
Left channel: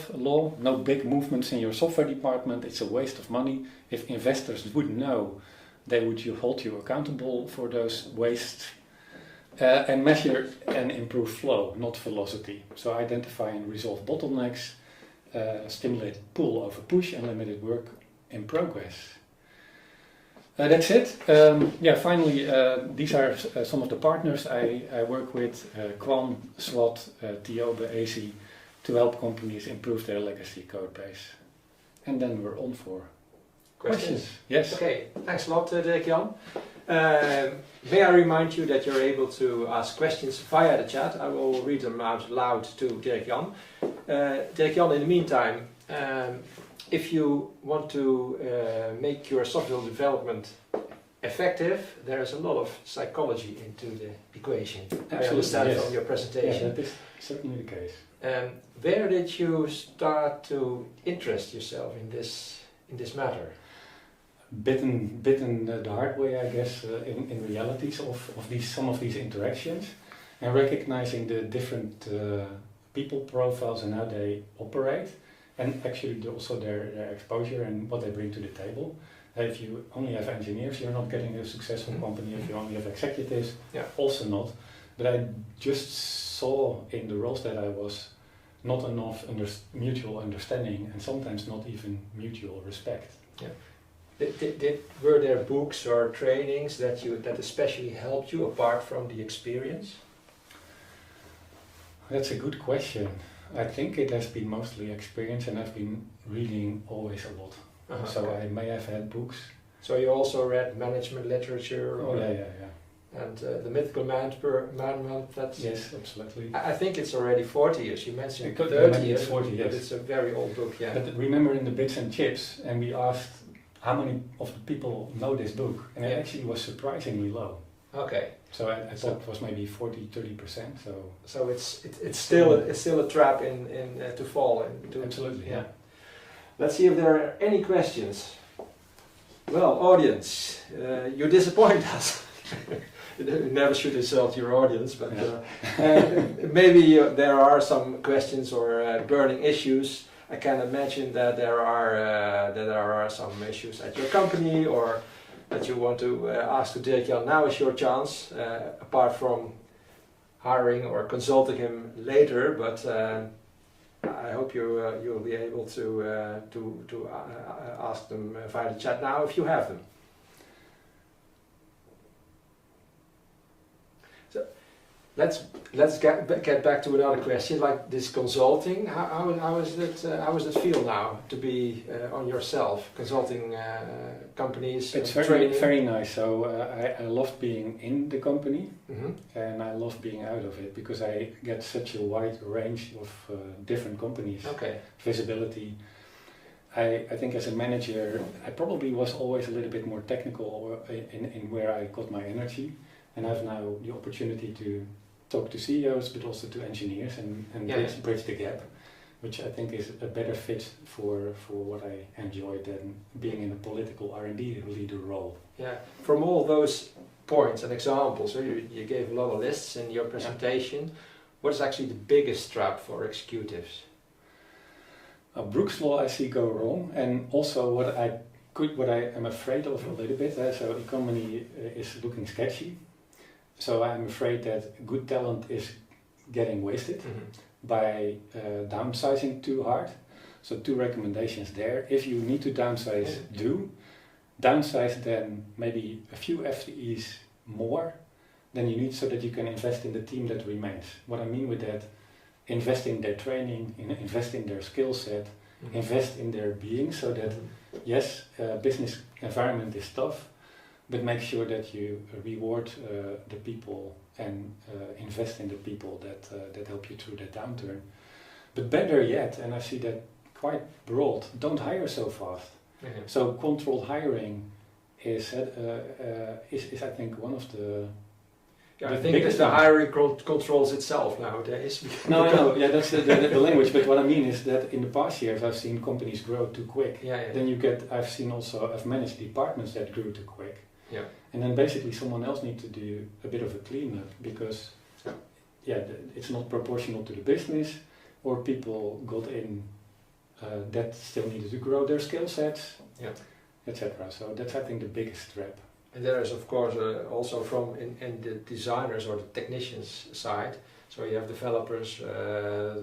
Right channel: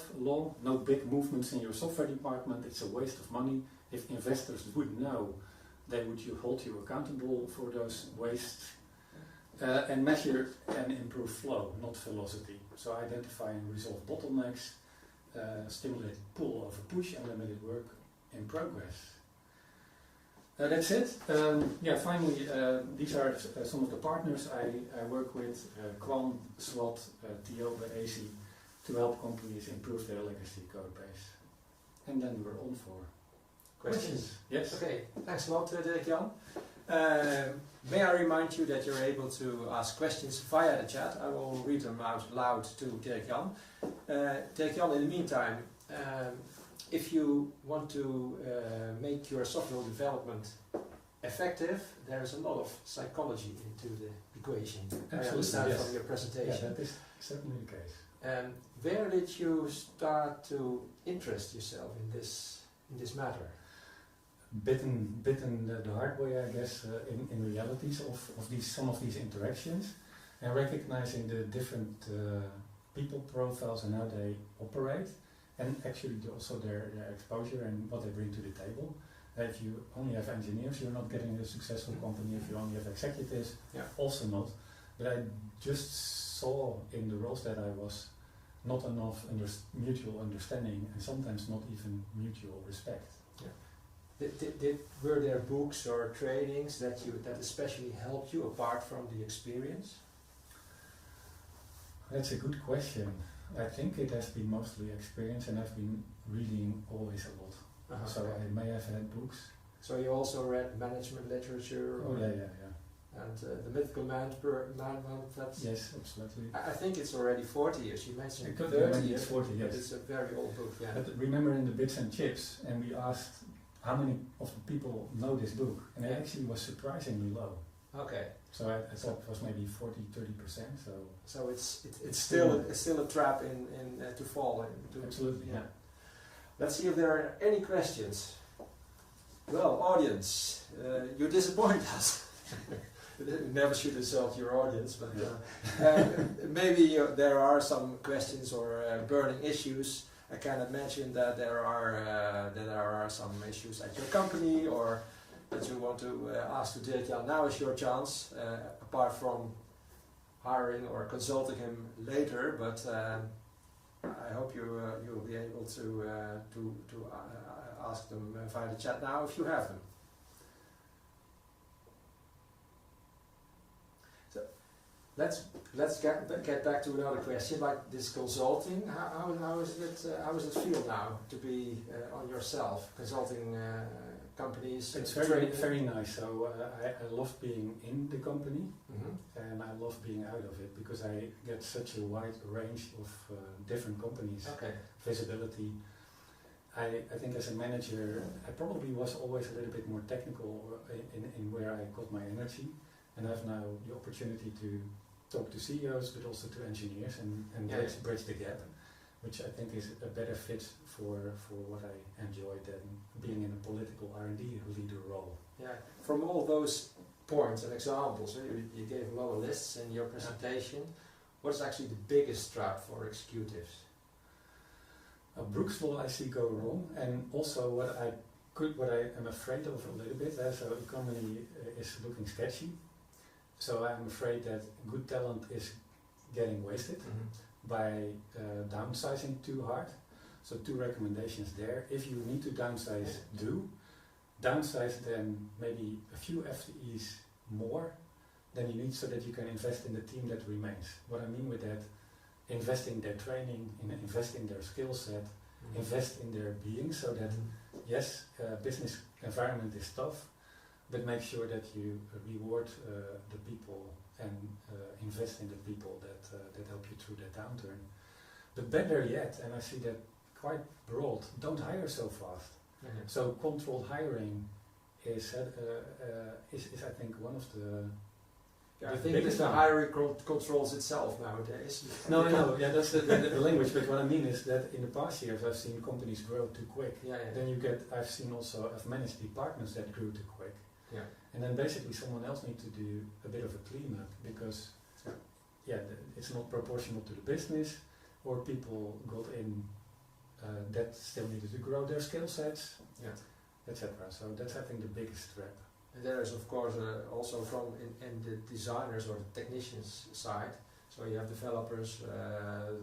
no big movements in your software department, it's a waste of money. If investors would know, they would hold you accountable for those wastes. And measure and improve flow, not velocity. So identify and resolve bottlenecks, stimulate pull over push, and limited work in progress. That's it. Finally, these are some of the partners I work with, Quan, SWAT, Tiobe, AC, to help companies improve their legacy code base. And then we're on for questions. Yes. Okay, thanks a lot, Dirk-Jan. May I remind you that you're able to ask questions via the chat. I will read them out loud to Dirk-Jan. Dirk-Jan, in the meantime, if you want to make your software development effective, there is a lot of psychology into the equation. Absolutely, I understand yes. From your presentation. Yeah, that is certainly the case. Where did you start to interest yourself in this matter? Bitten the hard way, I guess, in realities of some of these interactions, and recognizing the different people profiles and how they operate, and actually also their exposure and what they bring to the table. If you only have engineers, you're not getting a successful company. If you only have executives, also not. But I just saw in the roles that I was not enough mutual understanding, and sometimes not even mutual respect. Yeah. Were there books or trainings that especially helped you apart from the experience? That's a good question. I think it has been mostly experience, and I've been reading always a lot. So okay. I may have had books. So you also read management literature? Oh yeah. And the Mythical Man that's... Yes, absolutely. I think it's already 40 years. You mentioned 30 years. It's 40 years. But it's a very old book, yeah. But remember in the Bits and Chips, and we asked how many of the people know this book, and it actually was surprisingly low. Okay. So I thought it was maybe 40-30%. So it's still a trap in to fall into. Absolutely, yeah. Let's see if there are any questions. Well, audience, you disappoint us. You never should insult your audience, but maybe there are some questions or burning issues. I can imagine that there are some issues at your company or that you want to ask to Dirk-Jan, now is your chance, apart from hiring or consulting him later, but I hope you'll be able to ask them via the chat now if you have them. So let's get back to another question, like this consulting. How is it feel now to be on yourself consulting companies? It's very nice. So I love being in the company, and I love being out of it because I get such a wide range of different companies. Okay. Visibility. I think as a manager, I probably was always a little bit more technical in where I got my energy, and I have now the opportunity to talk to CEOs, but also to engineers and bridge the gap, which I think is a better fit for what I enjoy than being in a political R&D leader role. Yeah, from all those points and examples, you gave a lot of lists in your presentation. What is actually the biggest trap for executives? Brooks Law I see go wrong, and also what I am afraid of a little bit. So economy is looking sketchy. So I'm afraid that good talent is getting wasted by downsizing too hard. So 2 recommendations there. If you need to downsize, downsize then maybe a few FTEs more than you need so that you can invest in the team that remains. What I mean with that, invest in their training, invest in their skill set, invest in their being so that, yes, business environment is tough, but make sure that you reward the people and invest in the people that help you through that downturn. But better yet, and I see that quite broad, don't hire so fast. So controlled hiring is I think one of the I think it's the hiring controls itself nowadays. No, I know, that's the language, but what I mean is that in the past years I've seen companies grow too quick. Then I've managed departments that grew too quick. And then basically someone else needs to do a bit of a cleanup because it's not proportional to the business, or people got in that still needed to grow their skill sets, etc. So that's I think the biggest trap. And there is of course also from in the designers or the technicians side. So you have developers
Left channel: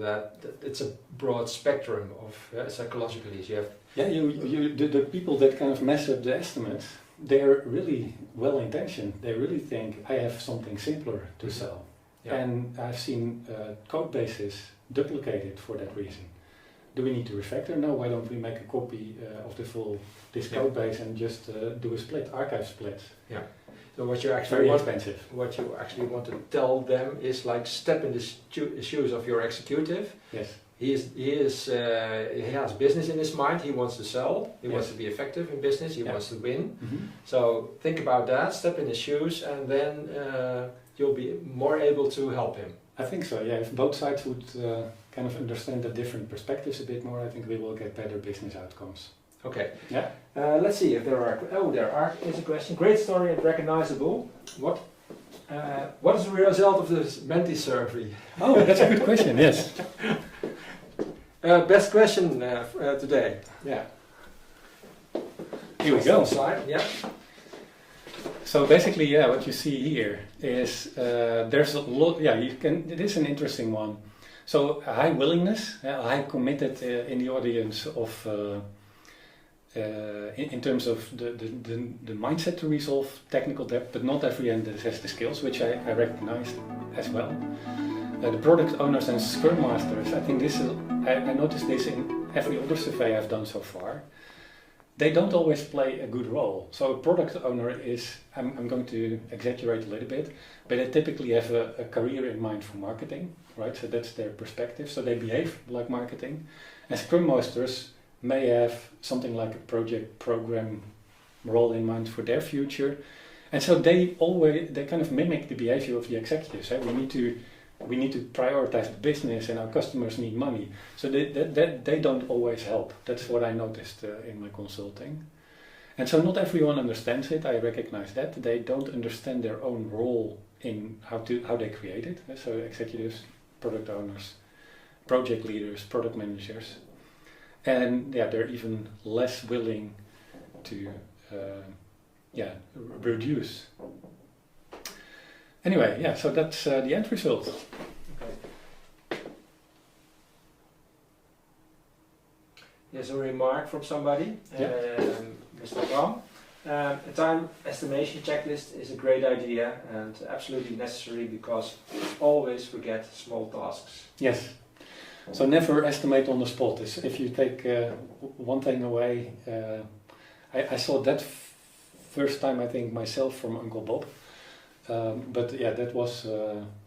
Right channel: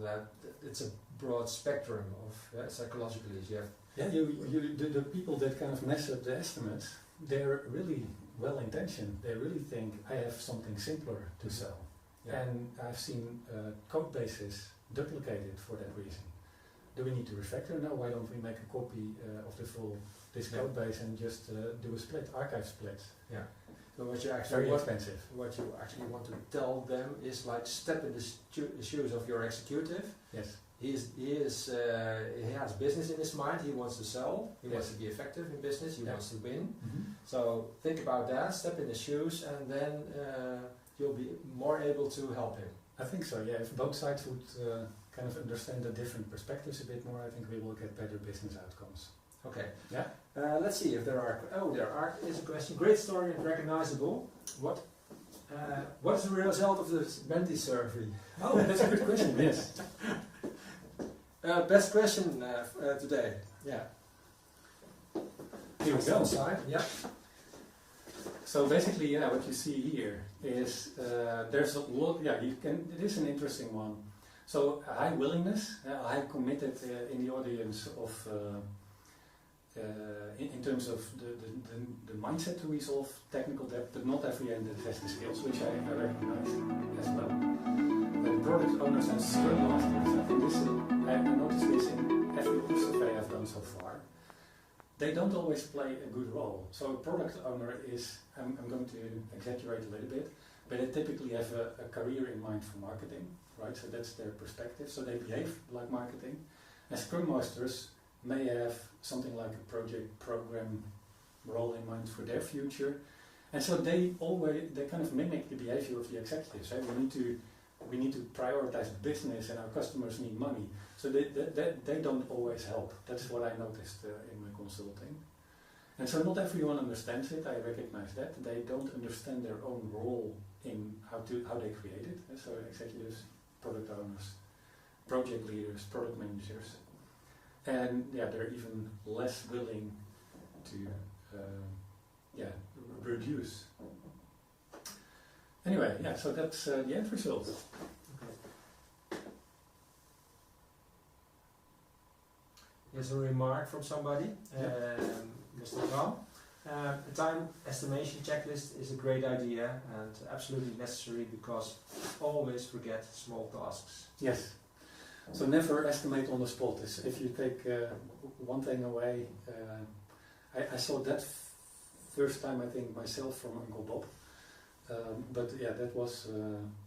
that it's a broad spectrum of psychologically. You have the people that kind of mess up the estimates. They're really well intentioned. They really think I have something simpler to sell, and I've seen code bases duplicated for that reason. Do we need to refactor? No. Why don't we make a copy of this code base and just do a split, archive splits? So what you actually expensive. What you actually want to tell them is like step in the shoes of your executive. Yes. He has business in his mind. He wants to sell. He wants to be effective in business. He wants to win. So think about that. Step in his shoes, and then you'll be more able to help him. I think so. Yeah. If both sides would kind of understand the different perspectives a bit more, I think we will get better business outcomes. Okay. Yeah. Let's see if there are. Is a question. Great story and recognizable. What is the result of this Menti survey? Oh, that's a good question. Yes. Best question today. Yeah. Here we go. Slide. Yeah. So basically, what you see here is there's a lot. It is an interesting one. So a high willingness, a high committed in the audience of. In terms of the mindset to resolve technical debt, but not everyone has the skills, which I recognize as well. The product owners and scrum masters, I think I noticed this in every other survey I've done so far. They don't always play a good role. So a product owner is, I'm going to exaggerate a little bit, but they typically have a career in mind for marketing, right? So that's their perspective. So they behave like marketing. And scrum masters may have something like a project program role in mind for their future, and so they kind of mimic the behavior of the executives. Right? We need to prioritize the business, and our customers need money. So they don't always help. That's what I noticed in my consulting, and so not everyone understands it. I recognize that they don't understand their own role in how they create it. So executives, product owners, project leaders, product managers. And they're even less willing to reduce. Anyway, yeah, so that's the end result. Here's a remark from somebody, Mr. Ram. A time estimation checklist is a great idea and absolutely necessary because always forget small tasks. Yes. So never estimate on the spot. If you take one thing away, I saw that first time I think myself from Uncle Bob. But yeah, that was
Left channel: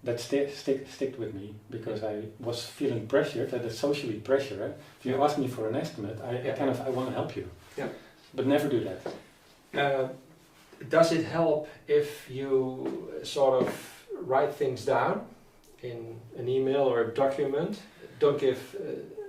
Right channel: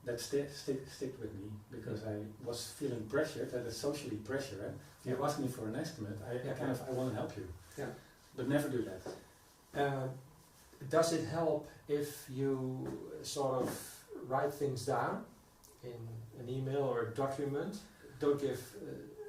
that sticked with me because I was feeling pressured, and it's socially pressure. If you ask me for an estimate, I want to help you, but never do that. Does it help if you sort of write things down in an email or a document? Don't give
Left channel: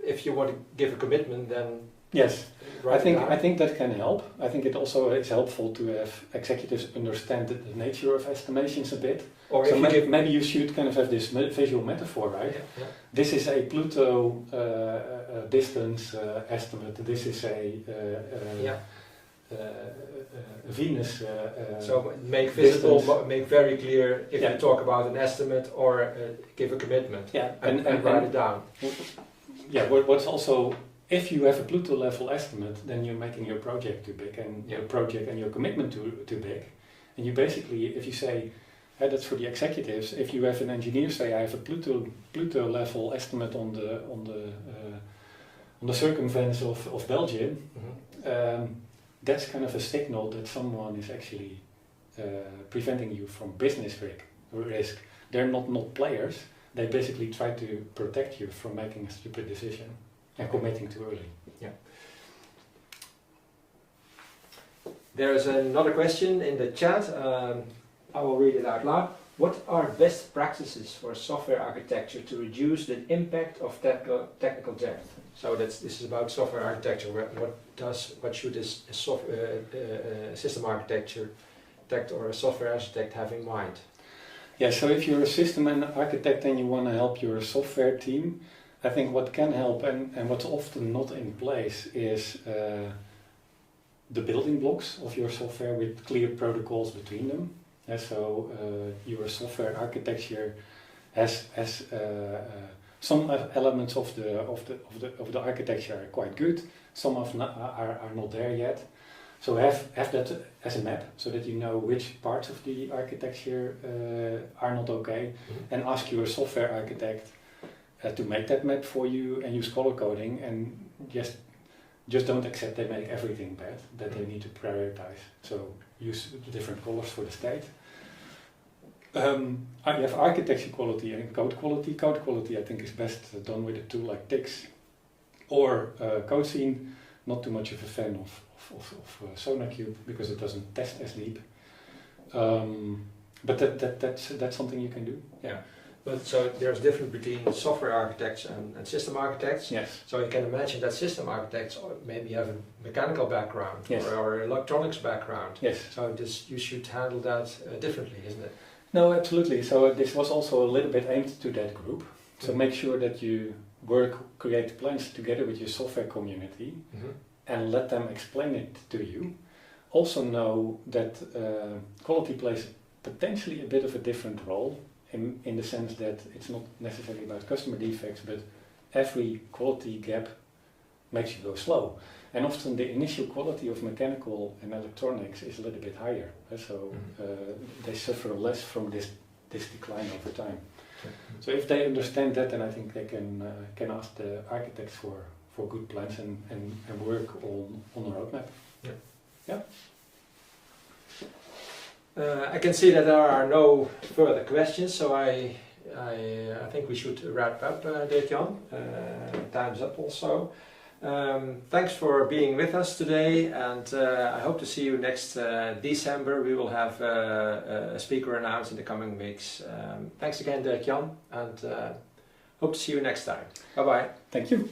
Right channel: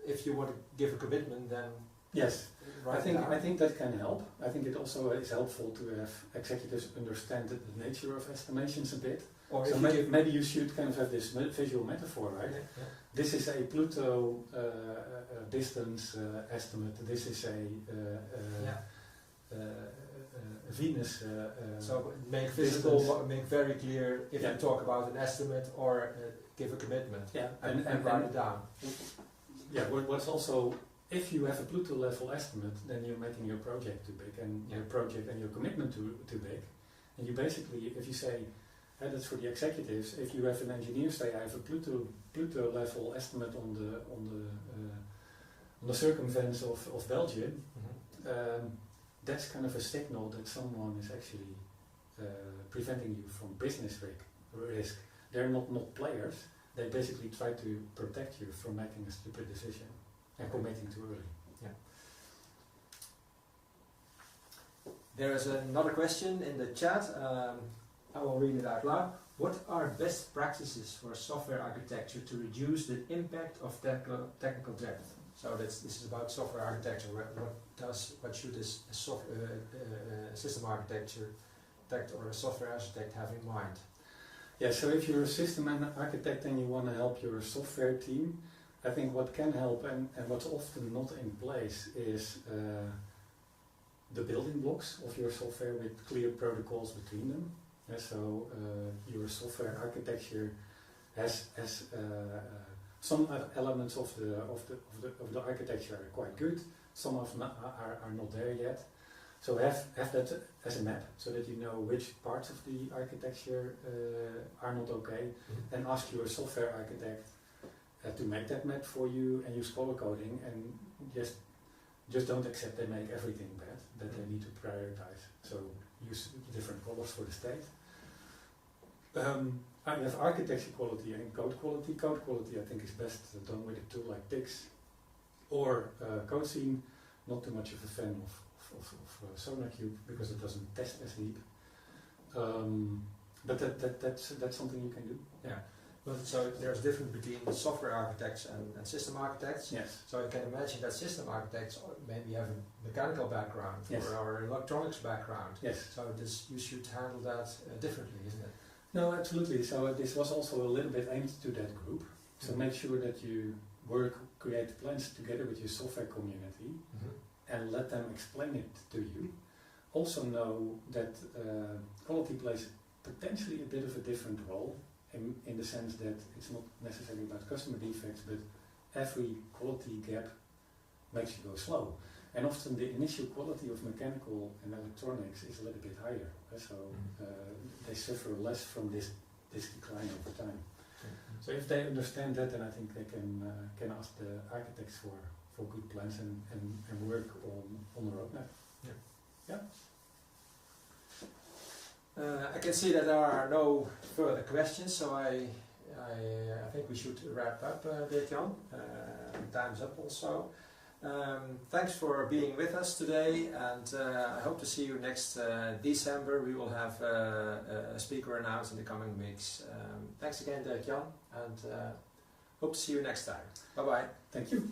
if you want to give a commitment, then yes. I think that can help. I think it also is helpful to have executives understand the nature of estimations a bit. Or so maybe you should kind of have this visual metaphor, right? Yeah. This is a Pluto distance estimate. This is a Venus. So make visible, make very clear if you talk about an estimate or give a commitment. Yeah, and write it down. Yeah. What's also, if you have a Pluto level estimate, then you're making your project too big and your project and your commitment too big. And you basically, if you say, that's for the executives, if you have an engineer say, I have a Pluto level estimate on the circumference of Belgium, that's kind of a signal that someone is actually preventing you from business risk. They're not players. They basically try to protect you from making a stupid decision and committing too early. Yeah. There is another question in the chat. I will read it out loud. What are best practices for software architecture to reduce the impact of technical debt? So this is about software architecture. What should a system architect or a software architect have in mind? Yeah, so if you're a system architect and you want to help your software team, I think what can help and what's often not in place is the building blocks of your software with clear protocols between them. So your software architecture has some elements of the architecture are quite good. Some are not there yet. So have that as a map so that you know which parts of the architecture are not okay, and ask your software architect to make that map for you and use color coding, and just don't accept they make everything bad, that they need to prioritize. So use different colors for the state. You have architecture quality and code quality. Code quality I think is best done with a tool like Tix or CodeScene. Not too much of a fan of SonarQube because it doesn't test as deep. But that's something you can do. Yeah. But so there's a difference between software architects and system architects. Yes. So you can imagine that system architects maybe have a mechanical background or electronics background. Yes. So you should handle that differently, isn't it? No, absolutely. So this was also a little bit aimed to that group. So make sure that you create plans together with your software community and let them explain it to you. Also know that quality plays potentially a bit of a different role in the sense that it's not necessarily about customer defects, but every quality gap makes you go slow. And often the initial quality of mechanical and electronics is a little bit higher, so they suffer less from this decline over time. So if they understand that, then I think they can ask the architects for good plans and work on a roadmap. Yeah. I can see that there are no further questions, so I think we should wrap up, Dirk-Jan. Time's up also. Thanks for being with us today, and I hope to see you next December. We will have a speaker announced in the coming weeks. Thanks again, Dirk-Jan, and hope to see you next time. Bye-bye. Thank you.